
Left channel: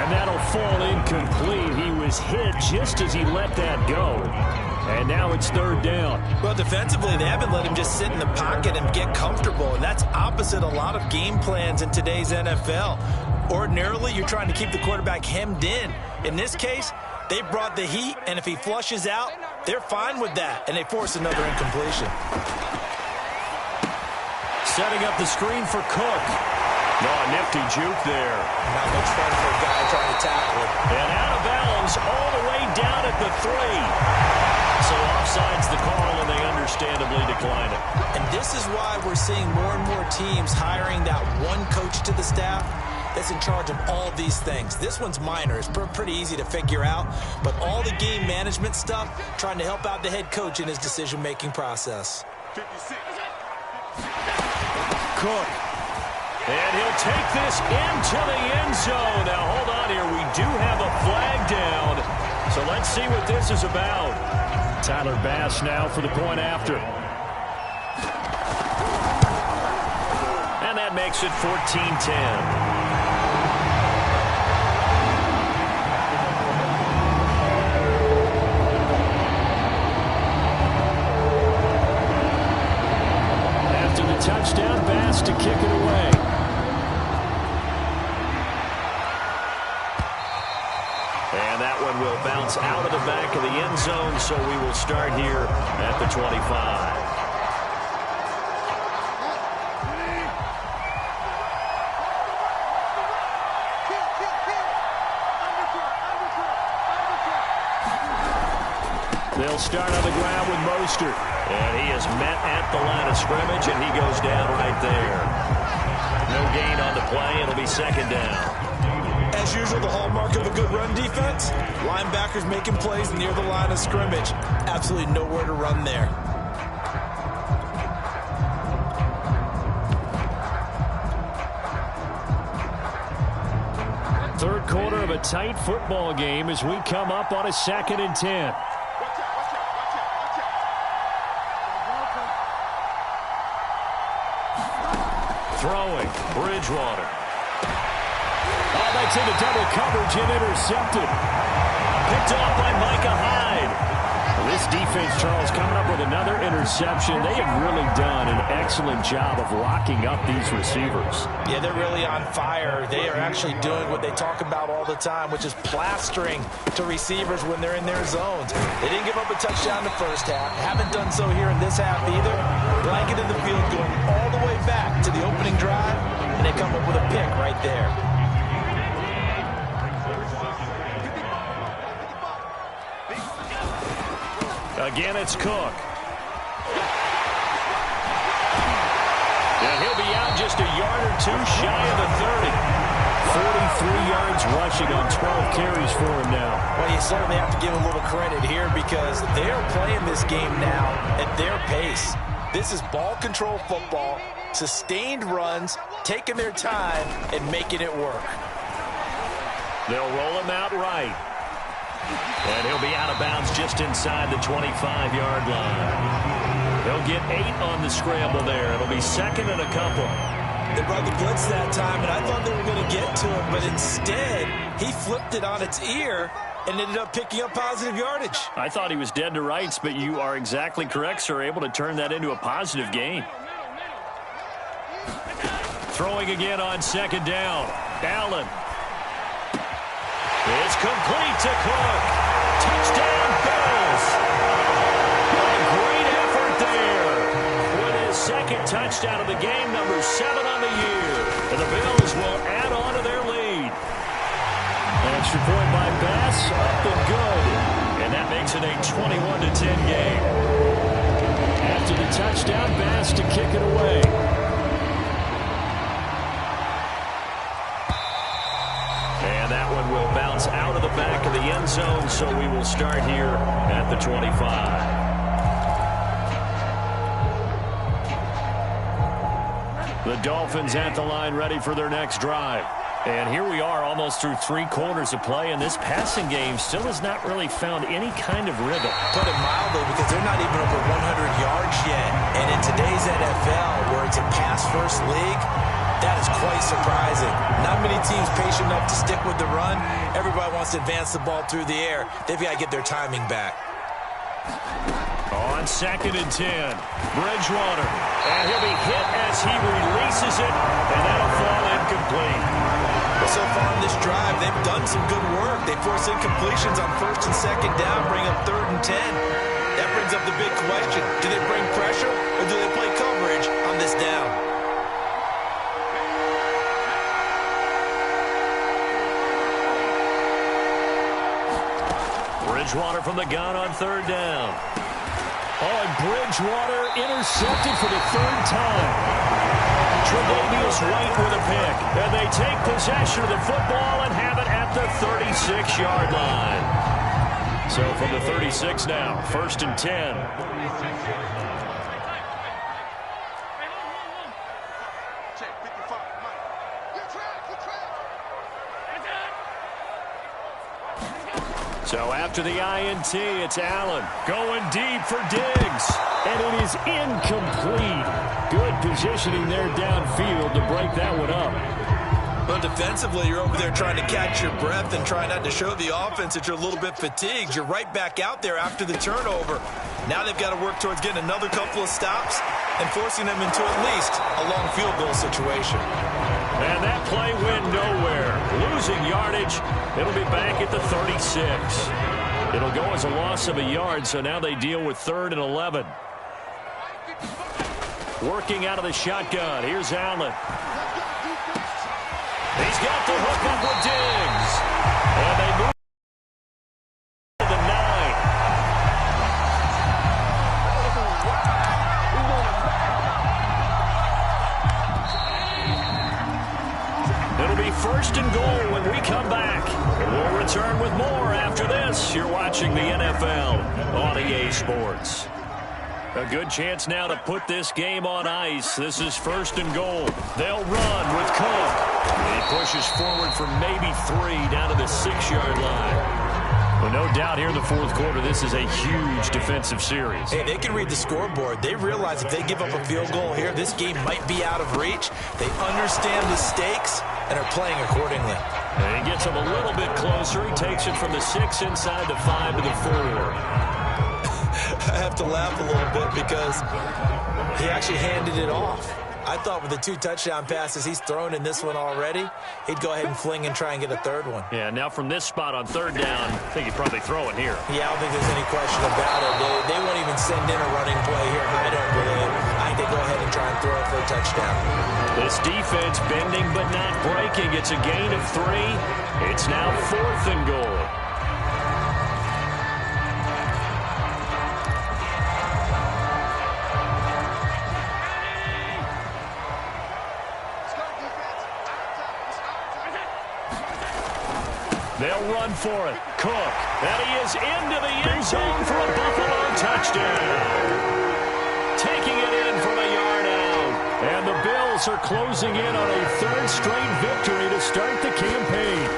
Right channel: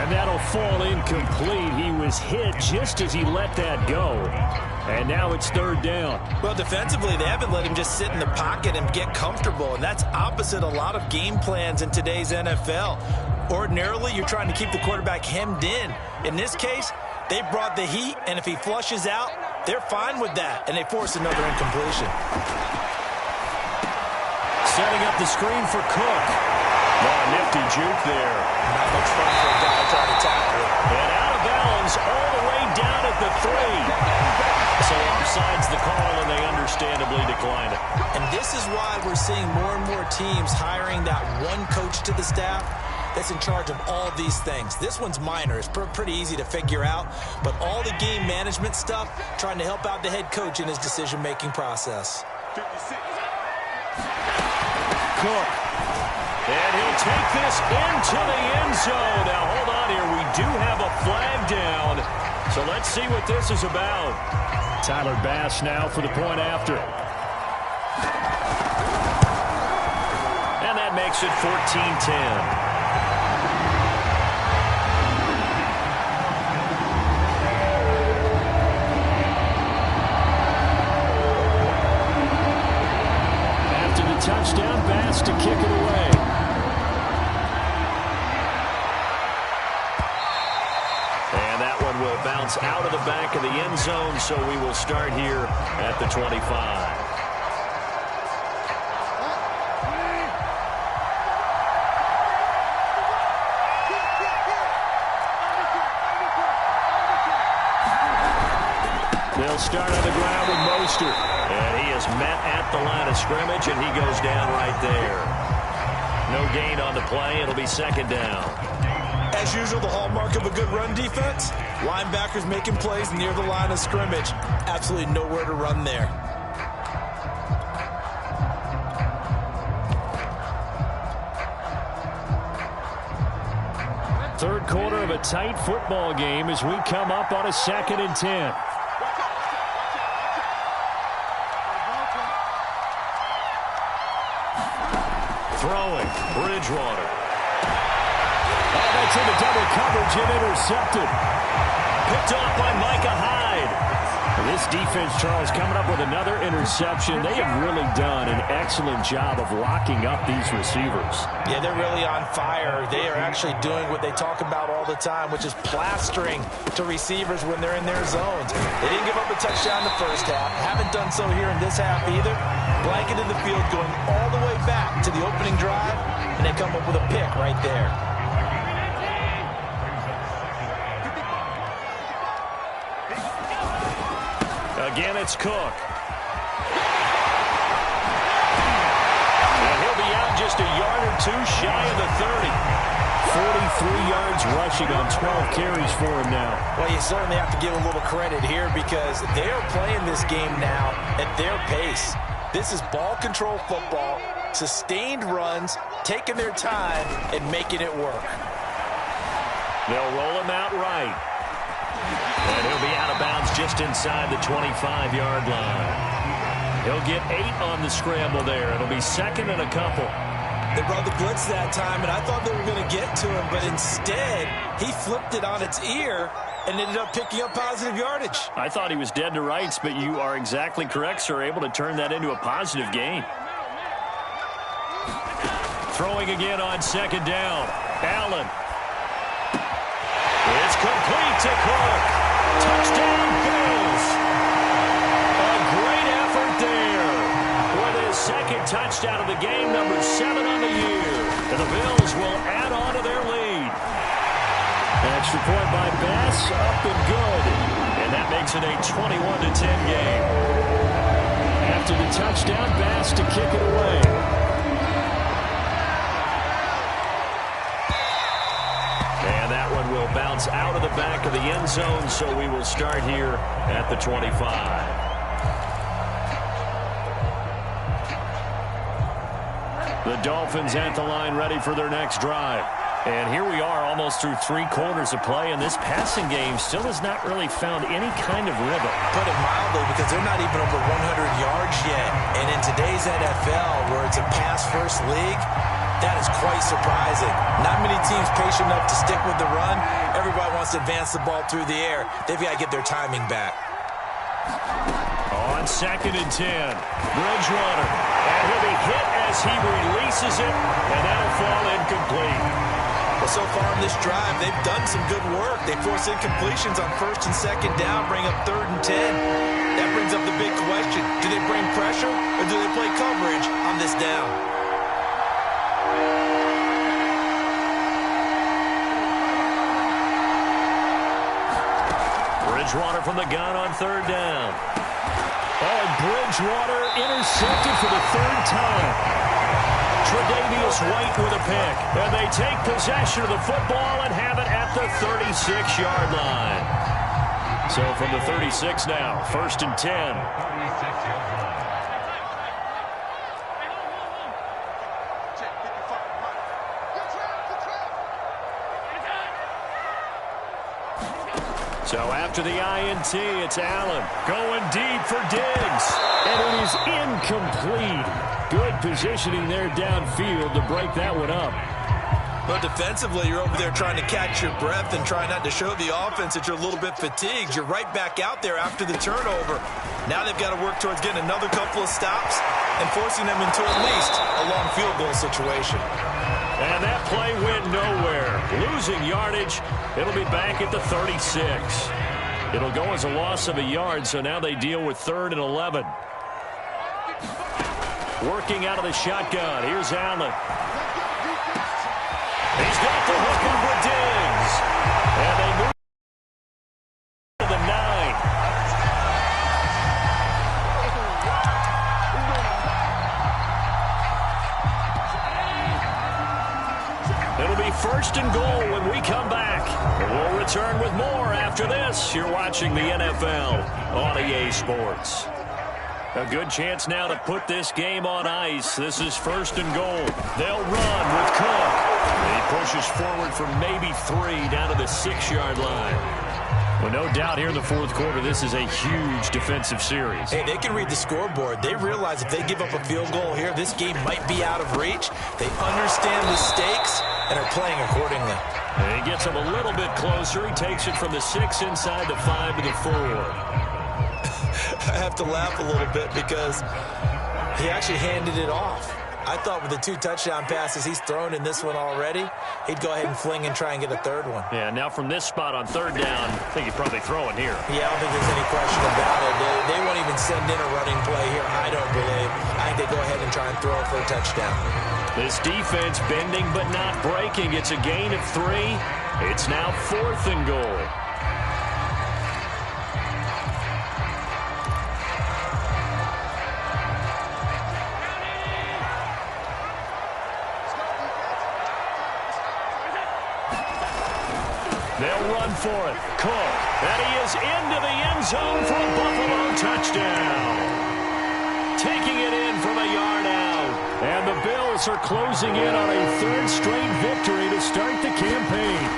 And that'll fall incomplete. He was hit just as he let that go. And now it's 3rd down. Well, defensively, they haven't let him just sit in the pocket and get comfortable, and that's opposite a lot of game plans in today's NFL. Ordinarily, you're trying to keep the quarterback hemmed in. In this case, they brought the heat, and if he flushes out, they're fine with that, and they force another incompletion. Setting up the screen for Cook. Oh, a nifty juke there. Not much fun for a guy trying to tackle it. And out of bounds all the way down at the 3. So offside's the call, and they understandably decline it. And this is why we're seeing more and more teams hiring that one coach to the staff that's in charge of all these things. This one's minor. It's pretty easy to figure out. But all the game management stuff, trying to help out the head coach in his decision-making process. 56. Cook. And he'll take this into the end zone. Now, hold on here. We do have a flag down. So let's see what this is about. Tyler Bass now for the point after. And that makes it 14-10. Touchdown, Bass to kick it away. And that one will bounce out of the back of the end zone, so we will start here at the 25. They'll start on the ground with Mostert. And he is met at the line of scrimmage, and he goes down right there. No gain on the play. It'll be 2nd down. As usual, the hallmark of a good run defense, linebackers making plays near the line of scrimmage. Absolutely nowhere to run there. Third quarter of a tight football game as we come up on a 2nd and 10. Throwing, Bridgewater. Oh, that's into double coverage and intercepted. Picked off by Micah Hyde. This defense, Charles, coming up with another interception. They have really done an excellent job of locking up these receivers. Yeah, they're really on fire. They are actually doing what they talk about all the time, which is plastering to receivers when they're in their zones. They didn't give up a touchdown in the first half. Haven't done so here in this half either. Blanketed the field going all the way back to the opening drive, and they come up with a pick right there. Again, it's Cook. And he'll be out just a yard or two shy of the 30. 43 yards rushing on 12 carries for him now. Well, you certainly have to give a little credit here because they're playing this game now at their pace. This is ball control football, sustained runs, taking their time, and making it work. They'll roll him out right. And he'll be out of bounds just inside the 25-yard line. He'll get 8 on the scramble there. It'll be second and a couple. They brought the blitz that time, and I thought they were going to get to him, but instead, he flipped it on its ear and ended up picking up positive yardage. I thought he was dead to rights, but you are exactly correct, sir. Able to turn that into a positive gain. Throwing again on second down. Allen. It's complete to Cook. Touchdown, Bills. A great effort there. With his second touchdown of the game, number 7 on the year. And the Bills will add on to their lead. An extra point by Bass, up and good. And that makes it a 21-10 game. After the touchdown, Bass to kick it away. And that one will bounce out of the back of the end zone, so we will start here at the 25. The Dolphins at the line ready for their next drive. And here we are almost through 3 quarters of play, and this passing game still has not really found any kind of rhythm. Put it mildly, because they're not even over 100 yards yet. And in today's NFL, where it's a pass-first league, that is quite surprising. Not many teams patient enough to stick with the run. Everybody wants to advance the ball through the air. They've got to get their timing back. On second and 10, Bridgewater. And he'll be hit as he releases it, and that'll fall incomplete. Well, so far in this drive, they've done some good work. They force incompletions on first and second down, bring up third and 10. That brings up the big question. Do they bring pressure, or do they play coverage on this down? Bridgewater from the gun on third down. Oh, and Bridgewater intercepted for the 3rd time. Tre'Davious White with a pick. And they take possession of the football and have it at the 36-yard line. So from the 36 now, 1st and 10. So after the INT, it's Allen going deep for Diggs. And it is incomplete. Good positioning there downfield to break that one up. Well, defensively, you're over there trying to catch your breath and try not to show the offense that you're a little bit fatigued. You're right back out there after the turnover. Now they've got to work towards getting another couple of stops and forcing them into at least a long field goal situation. And that play went nowhere. Losing yardage. It'll be back at the 36. It'll go as a loss of a yard, so now they deal with 3rd and 11. Working out of the shotgun. Here's Allen. He's got the hook up with Diggs. And they move to the 9. It'll be 1st and goal when we come back. And we'll return with more after this. You're watching the NFL on EA Sports. A good chance now to put this game on ice. This is 1st and goal. They'll run with Cook. And he pushes forward for maybe 3 down to the 6-yard line. Well, no doubt here in the 4th quarter, this is a huge defensive series. Hey, they can read the scoreboard. They realize if they give up a field goal here, this game might be out of reach. They understand the stakes and are playing accordingly. And he gets him a little bit closer. He takes it from the 6 inside the 5 to the 4. I have to laugh a little bit because he actually handed it off. I thought with the 2 touchdown passes he's thrown in this one already, he'd go ahead and fling and try and get a third one. Yeah, now from this spot on 3rd down, I think he'd probably throw it here. Yeah, I don't think there's any question about it. They won't even send in a running play here, I don't believe. I think they go ahead and try and throw it for a touchdown. This defense bending but not breaking. It's a gain of 3. It's now 4th and goal. They'll run for it. Cook. And he is into the end zone for a Buffalo touchdown. Taking it in from a yard out. And the Bills are closing in on a 3rd straight victory to start the campaign.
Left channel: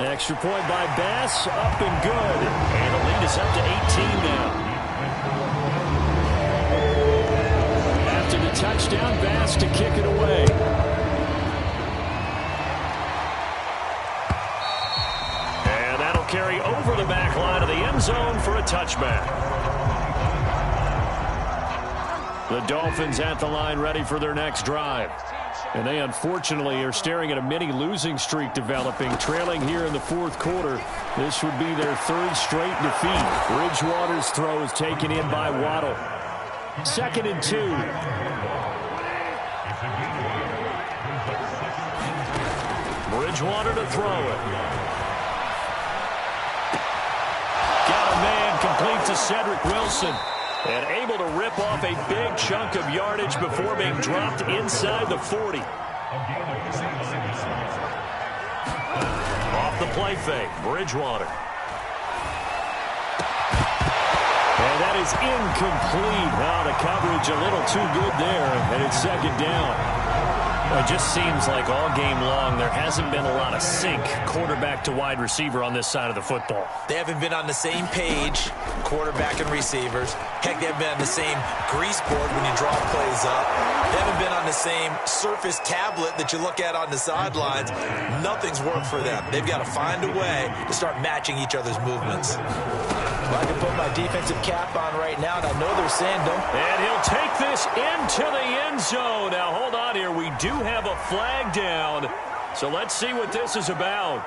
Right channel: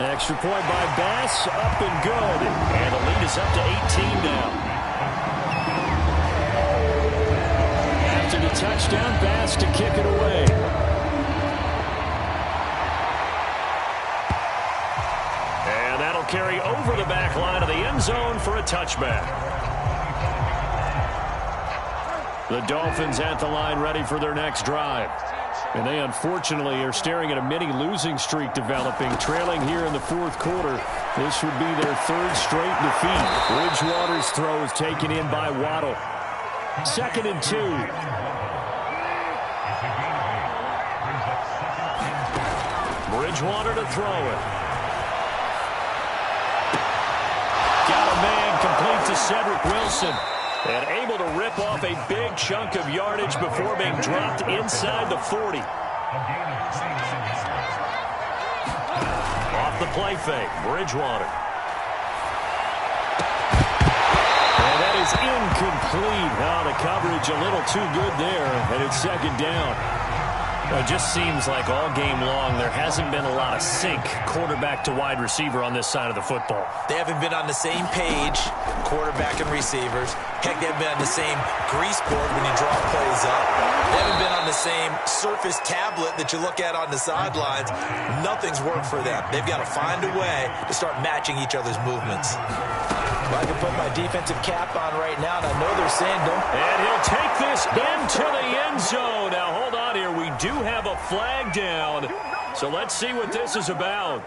Extra point by Bass, up and good. And the lead is up to 18 now. After the touchdown, Bass to kick it away. And that'll carry over the back line of the end zone for a touchback. The Dolphins at the line ready for their next drive. And they unfortunately are staring at a mini losing streak developing, trailing here in the 4th quarter. This would be their 3rd straight defeat. Bridgewater's throw is taken in by Waddle. 2nd and 2. Bridgewater to throw it. Got a man, complete to Cedric Wilson. And able to rip off a big chunk of yardage before being dropped inside the 40. Off the play fake, Bridgewater. And that is incomplete. Oh, the coverage a little too good there, and it's 2nd down. Well, it just seems like all game long there hasn't been a lot of sync quarterback to wide receiver on this side of the football. They haven't been on the same page, quarterback and receivers. Heck, they haven't been on the same grease board when you draw plays up. They haven't been on the same Surface tablet that you look at on the sidelines. Nothing's worked for them. They've got to find a way to start matching each other's movements. Well, I can put my defensive cap on right now, and I know they're saying don't. And he'll take this into the end zone. Now, hold on here. We do have a flag down. So let's see what this is about.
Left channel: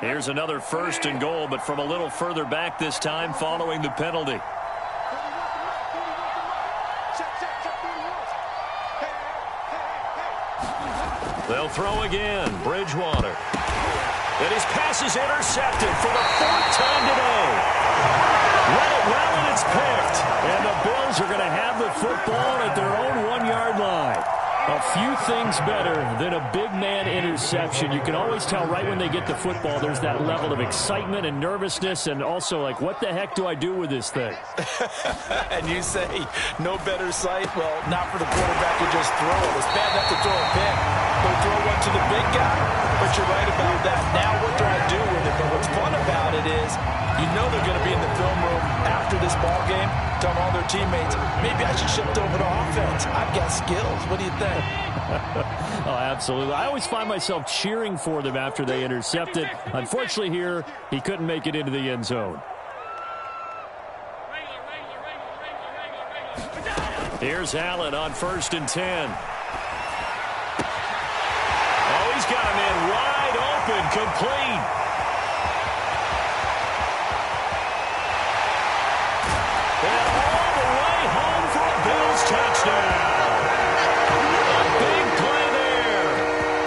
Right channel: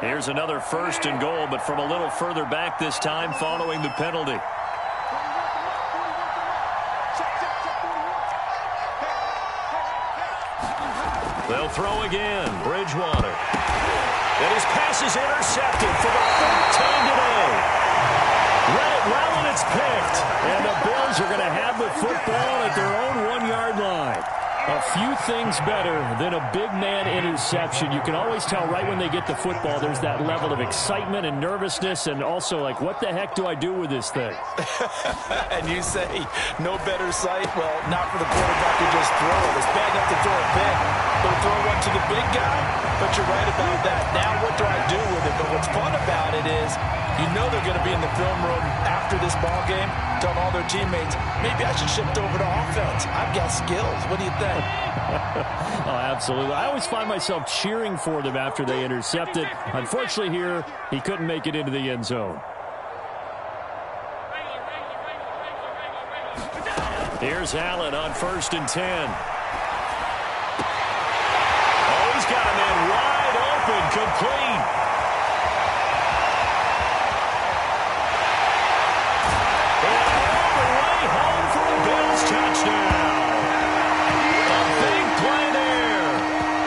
Here's another 1st and goal, but from a little further back this time following the penalty. They'll throw again. Bridgewater. And his pass is intercepted for the 4th time today. Read it well, and it's picked. And the Bills are going to have the football at their own 1-yard line. A few things better than a big man interception. You can always tell right when they get the football, there's that level of excitement and nervousness, and also like, what the heck do I do with this thing? And you say no better sight? Well, not for the quarterback to just throw it. It's bad enough to throw a pick, but throw one to the big guy? But you're right about that. Now what do I do with it? But what's fun about it is you know they're going to be in the film room after this ball game, telling all their teammates, maybe I should shift over to offense. I've got skills. What do you think? Oh, absolutely. I always find myself cheering for them after they intercept it. Unfortunately here, he couldn't make it into the end zone. Here's Allen on 1st and 10. Oh, he's got a man wide open, complete. And all the way home for a Bills touchdown. A big play there.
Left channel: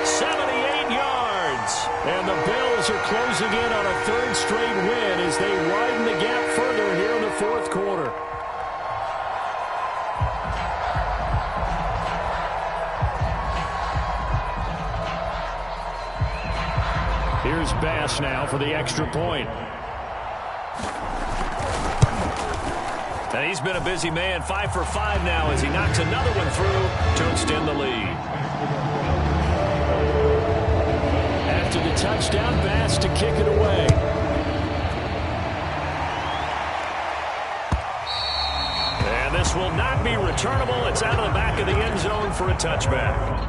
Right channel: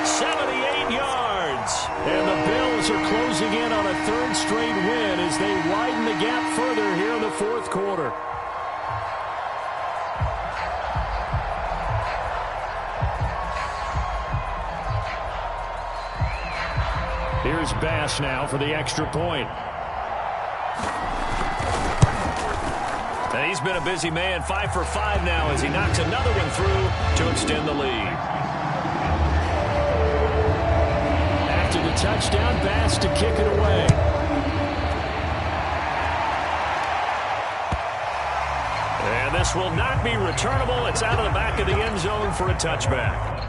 78 yards. And the Bills are closing in on a 3rd straight win as they widen the gap further here in the 4th quarter. Here's Bass now for the extra point. And he's been a busy man, 5 for 5 now as he knocks another one through to extend the lead. After the touchdown, Bass to kick it away. And this will not be returnable. It's out of the back of the end zone for a touchback.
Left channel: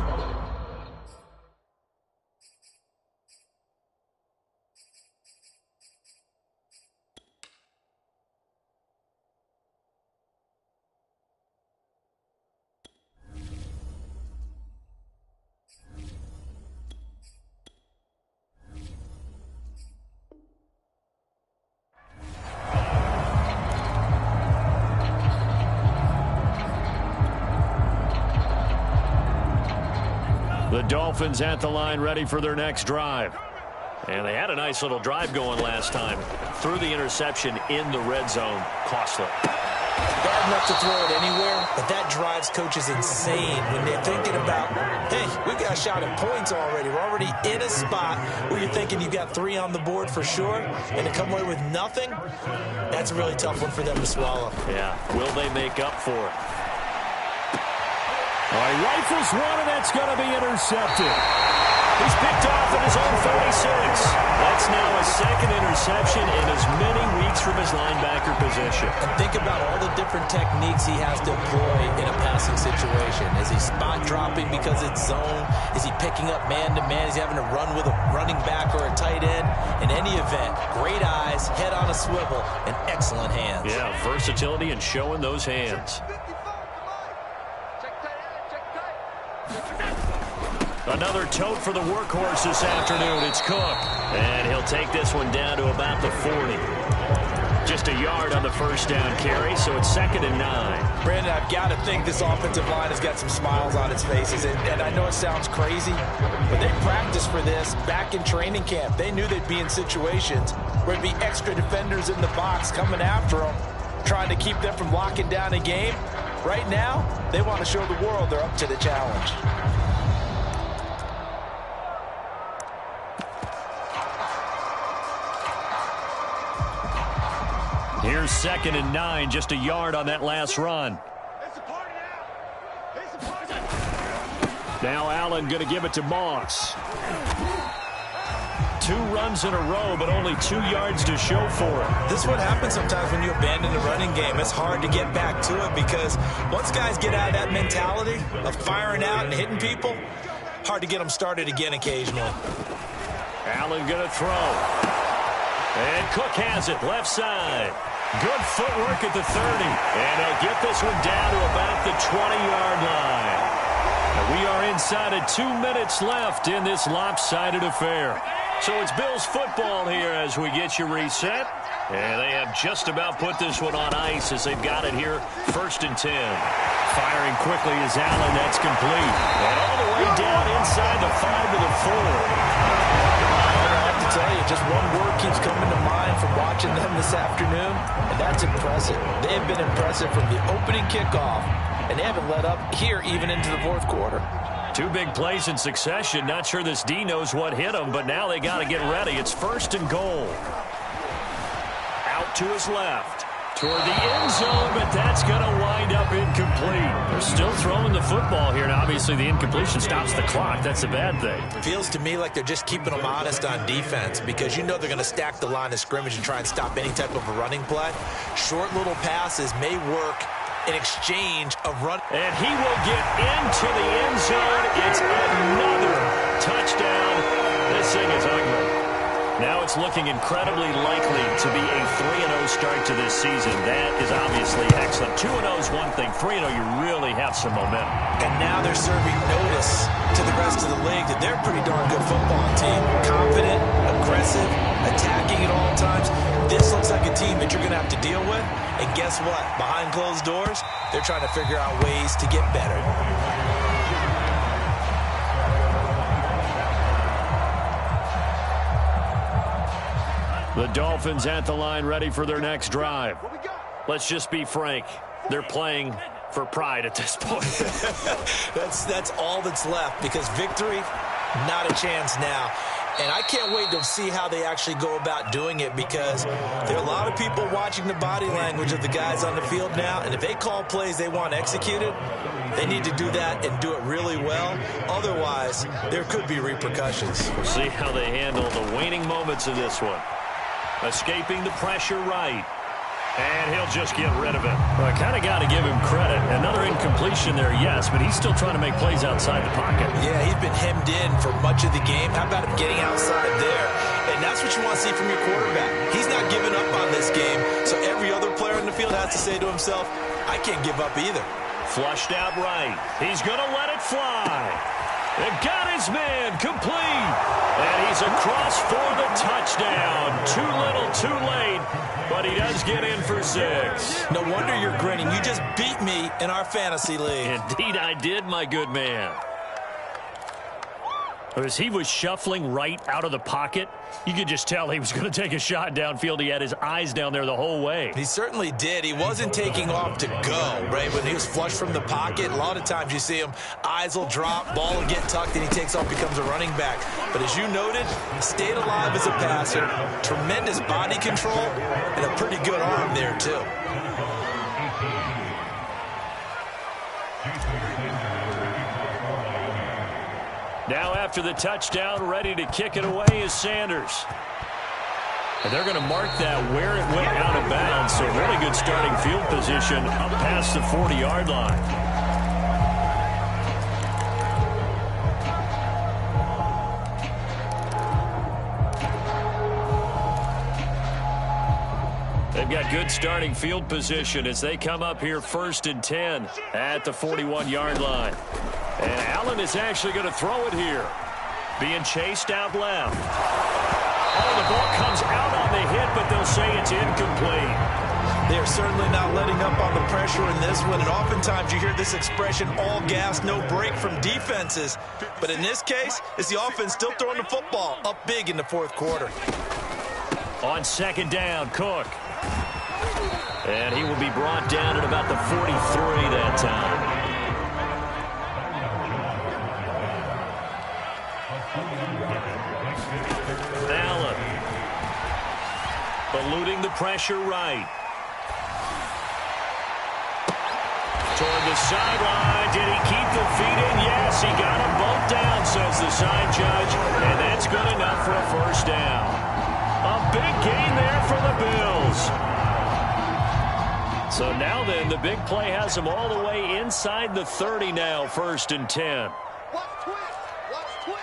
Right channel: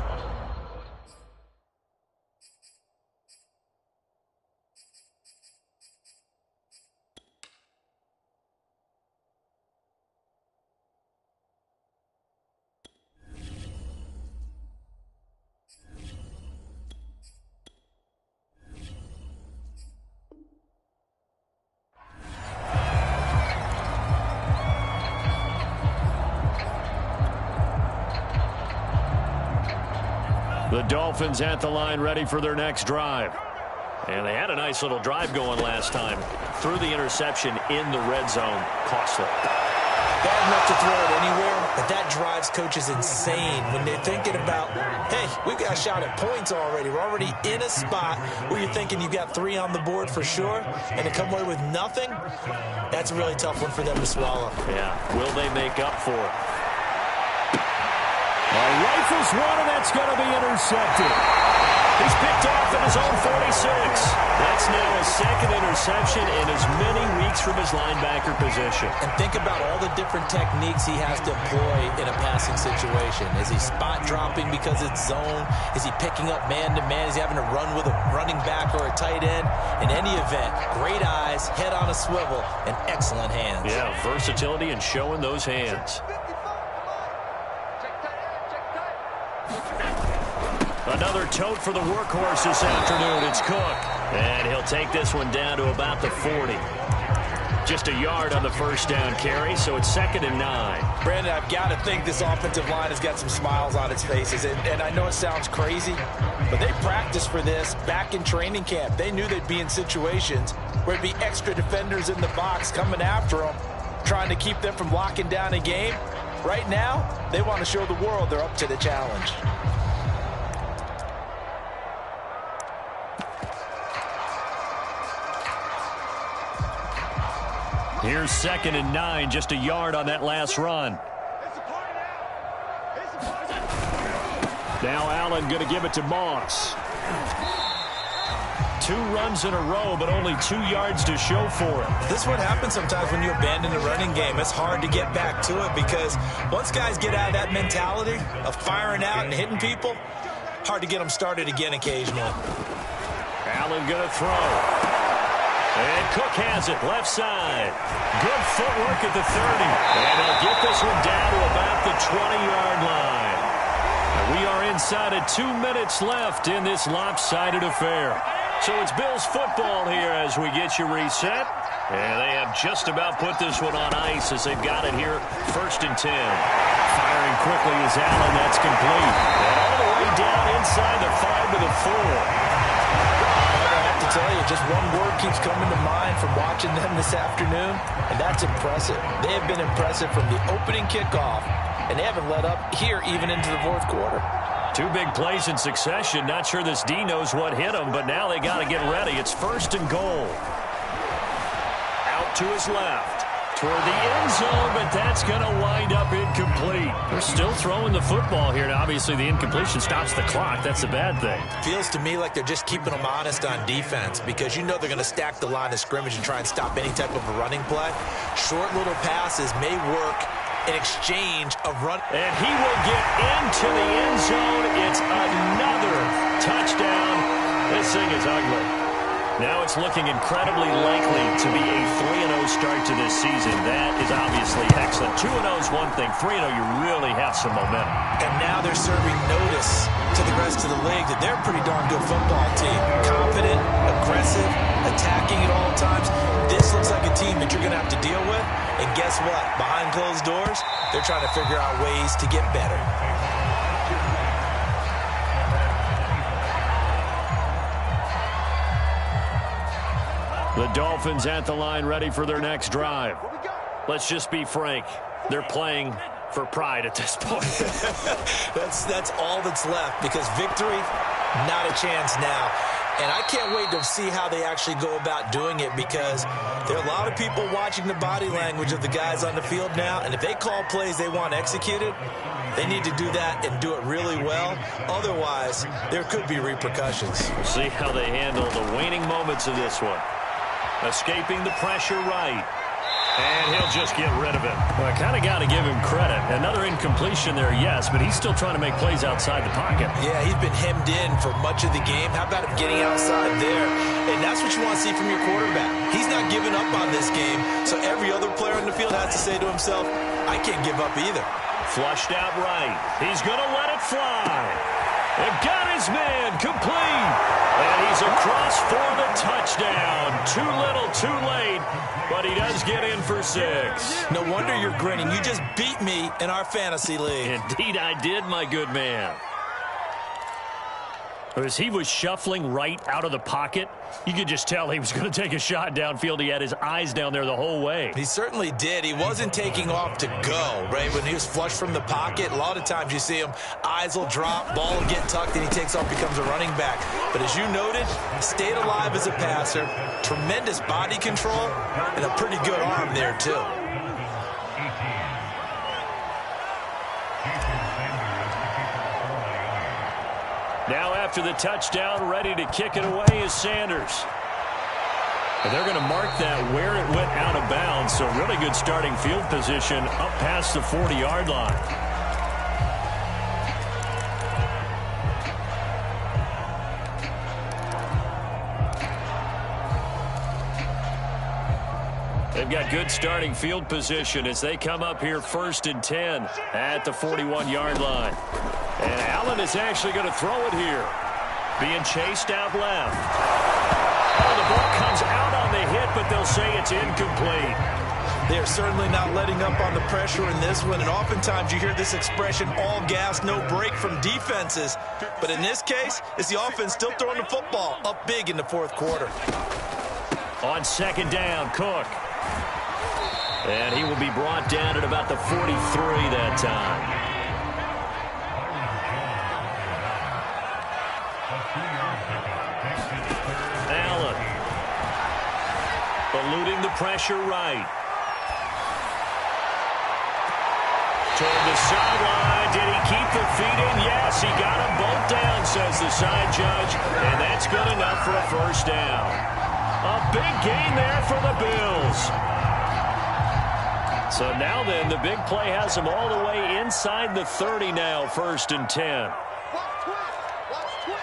The Dolphins at the line, ready for their next drive. And they had a nice little drive going last time. Threw the interception in the red zone. Costly. Bad enough to throw it anywhere, but that drives coaches insane when they're thinking about, hey, we've got a shot at points already. We're already in a spot where you're thinking you've got 3 on the board for sure, and to come away with nothing, that's a really tough one for them to swallow. Yeah, will they make up for it? All right, rifles one, and that's going to be intercepted. He's picked off at his own 46. That's now his second interception in as many weeks from his linebacker position. And think about all the different techniques he has to employ in a passing situation. Is he spot dropping because it's zone? Is he picking up man-to-man? Is he having to run with a running back or a tight end? In any event, great eyes, head on a swivel, and excellent hands. Yeah, versatility and showing those hands. Another tote for the workhorse this afternoon. It's Cook. And he'll take this one down to about the 40. Just a yard on the first down carry, so it's 2nd and 9. Brandon, I've got to think this offensive line has got some smiles on its faces. And I know it sounds crazy, but they practiced for this back in training camp. They knew they'd be in situations where there'd be extra defenders in the box coming after them, trying to keep them from locking down a game. Right now, they want to show the world they're up to the challenge. Here's 2nd and 9, just a yard on that last run. Now Allen going to give it to Moss. 2 runs in a row, but only 2 yards to show for it. This is what happens sometimes when you abandon the running game. It's hard to get back to it because once guys get out of that mentality of firing out and hitting people, hard to get them started again occasionally. Allen going to throw. And Cook has it, left side. Good footwork at the 30. And he'll get this one down to about the 20-yard line. And we are inside of 2 minutes left in this lopsided affair. So it's Bills football here as we get you reset. And they have just about put this one on ice as they've got it here, 1st and 10. Firing quickly is Allen. That's complete. And all the way down inside the 5 to the 4. I have to tell you, just one word keeps coming to mind from watching them this afternoon, and that's impressive. They have been impressive from the opening kickoff, and they haven't let up here even into the 4th quarter. 2 big plays in succession. Not sure this D knows what hit him, but now they got to get ready. It's 1st and goal. Out to his left. Toward the end zone, but that's going to wind up incomplete. They're still throwing the football here, and obviously the incompletion stops the clock. That's a bad thing. Feels to me like they're just keeping them honest on defense because you know they're going to stack the line of scrimmage and try and stop any type of a running play. Short little passes may work in exchange of run. And he will get into the end zone. It's another touchdown. This thing is ugly. Now it's looking incredibly likely to be a 3-0 start to this season. That is obviously excellent. 2-0 is one thing. 3-0, you really have some momentum. And now they're serving notice to the rest of the league that they're a pretty darn good football team. Confident, aggressive, attacking at all times. This looks like a team that you're going to have to deal with. And guess what? Behind closed doors, they're trying to figure out ways to get better. The Dolphins at the line, ready for their next drive. Let's just be frank. They're playing for pride at this point. That's all that's left because victory, not a chance now. And I can't wait to see how they actually go about doing it because there are a lot of people watching the body language of the guys on the field now. And if they call plays they want executed, they need to do that and do it really well. Otherwise, there could be repercussions. We'll see how they handle the waning moments of this one. Escaping the pressure right. And he'll just get rid of it. Well, I kind of got to give him credit. Another incompletion there, yes, but he's still trying to make plays outside the pocket. Yeah, he's been hemmed in for much of the game. How about him getting outside there? And that's what you want to see from your quarterback. He's not giving up on this game, so every other player in the field has to say to himself, I can't give up either. Flushed out right. He's going to let it fly. And got his man complete. And he's across for the touchdown. Too little, too late. But he does get in for 6. No wonder you're grinning. You just beat me in our fantasy league. Indeed I did, my good man. As he was shuffling right out of the pocket, you could just tell he was going to take a shot downfield. He had his eyes down there the whole way. He certainly did. He wasn't taking off to go, right? When he was flush from the pocket, a lot of times you see him, eyes will drop, ball will get tucked, and he takes off, becomes a running back. But as you noted, stayed alive as a passer, tremendous body control, and a pretty good arm there, too. Now after the touchdown, ready to kick it away is Sanders. And they're going to mark that where it went out of bounds, so really good starting field position up past the 40-yard line. They've got good starting field position as they come up here 1st and 10 at the 41-yard line. And Allen is actually going to throw it here. Being chased out left. Oh, the ball comes out on the hit, but they'll say it's incomplete. They are certainly not letting up on the pressure in this one, and oftentimes you hear this expression, all gas, no break from defenses. But in this case, it's the offense still throwing the football up big in the 4th quarter. On 2nd down, Cook. And he will be brought down at about the 43 that time. Allen. Eluding the pressure right. Toward the sideline. Did he keep the feet in? Yes, he got them both down, says the side judge. And that's good enough for a 1st down. A big gain there for the Bills. So now then, the big play has them all the way inside the 30 now, 1st and 10. Watch twins. Watch twins.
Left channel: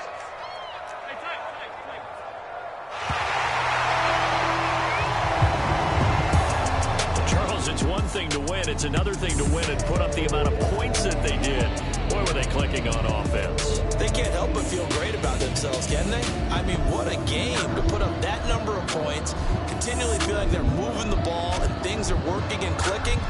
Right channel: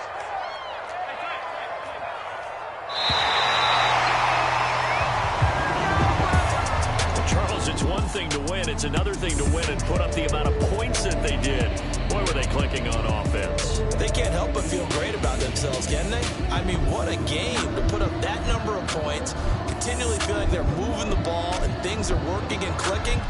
Charles, it's one thing to win. It's another thing to win and put up the amount of points that they did. Boy, were they clicking on offense. They can't help but feel great about themselves, can they? I mean, what a game to put up that number of points, continually feel like they're moving the ball and things are working and clicking.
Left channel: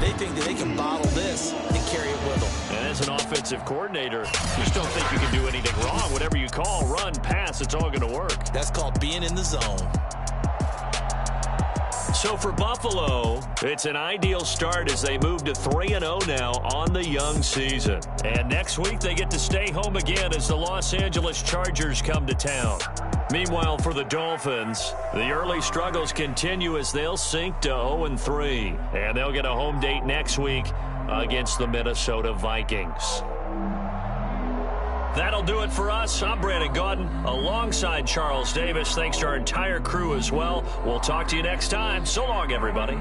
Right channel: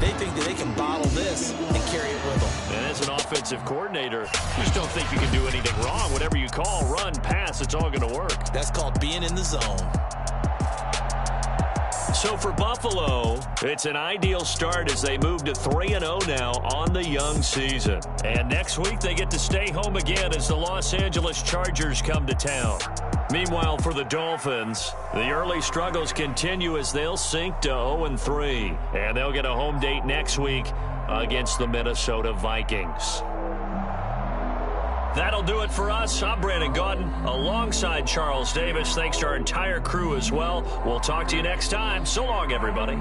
They think that they can bottle this and carry it with them. And as an offensive coordinator, you just don't think you can do anything wrong. Whatever you call, run, pass, it's all going to work. That's called being in the zone. So for Buffalo, it's an ideal start as they move to 3-0 now on the young season. And next week, they get to stay home again as the Los Angeles Chargers come to town. Meanwhile, for the Dolphins, the early struggles continue as they'll sink to 0-3. And they'll get a home date next week against the Minnesota Vikings. That'll do it for us. I'm Brandon Gaudin alongside Charles Davis. Thanks to our entire crew as well. We'll talk to you next time. So long, everybody.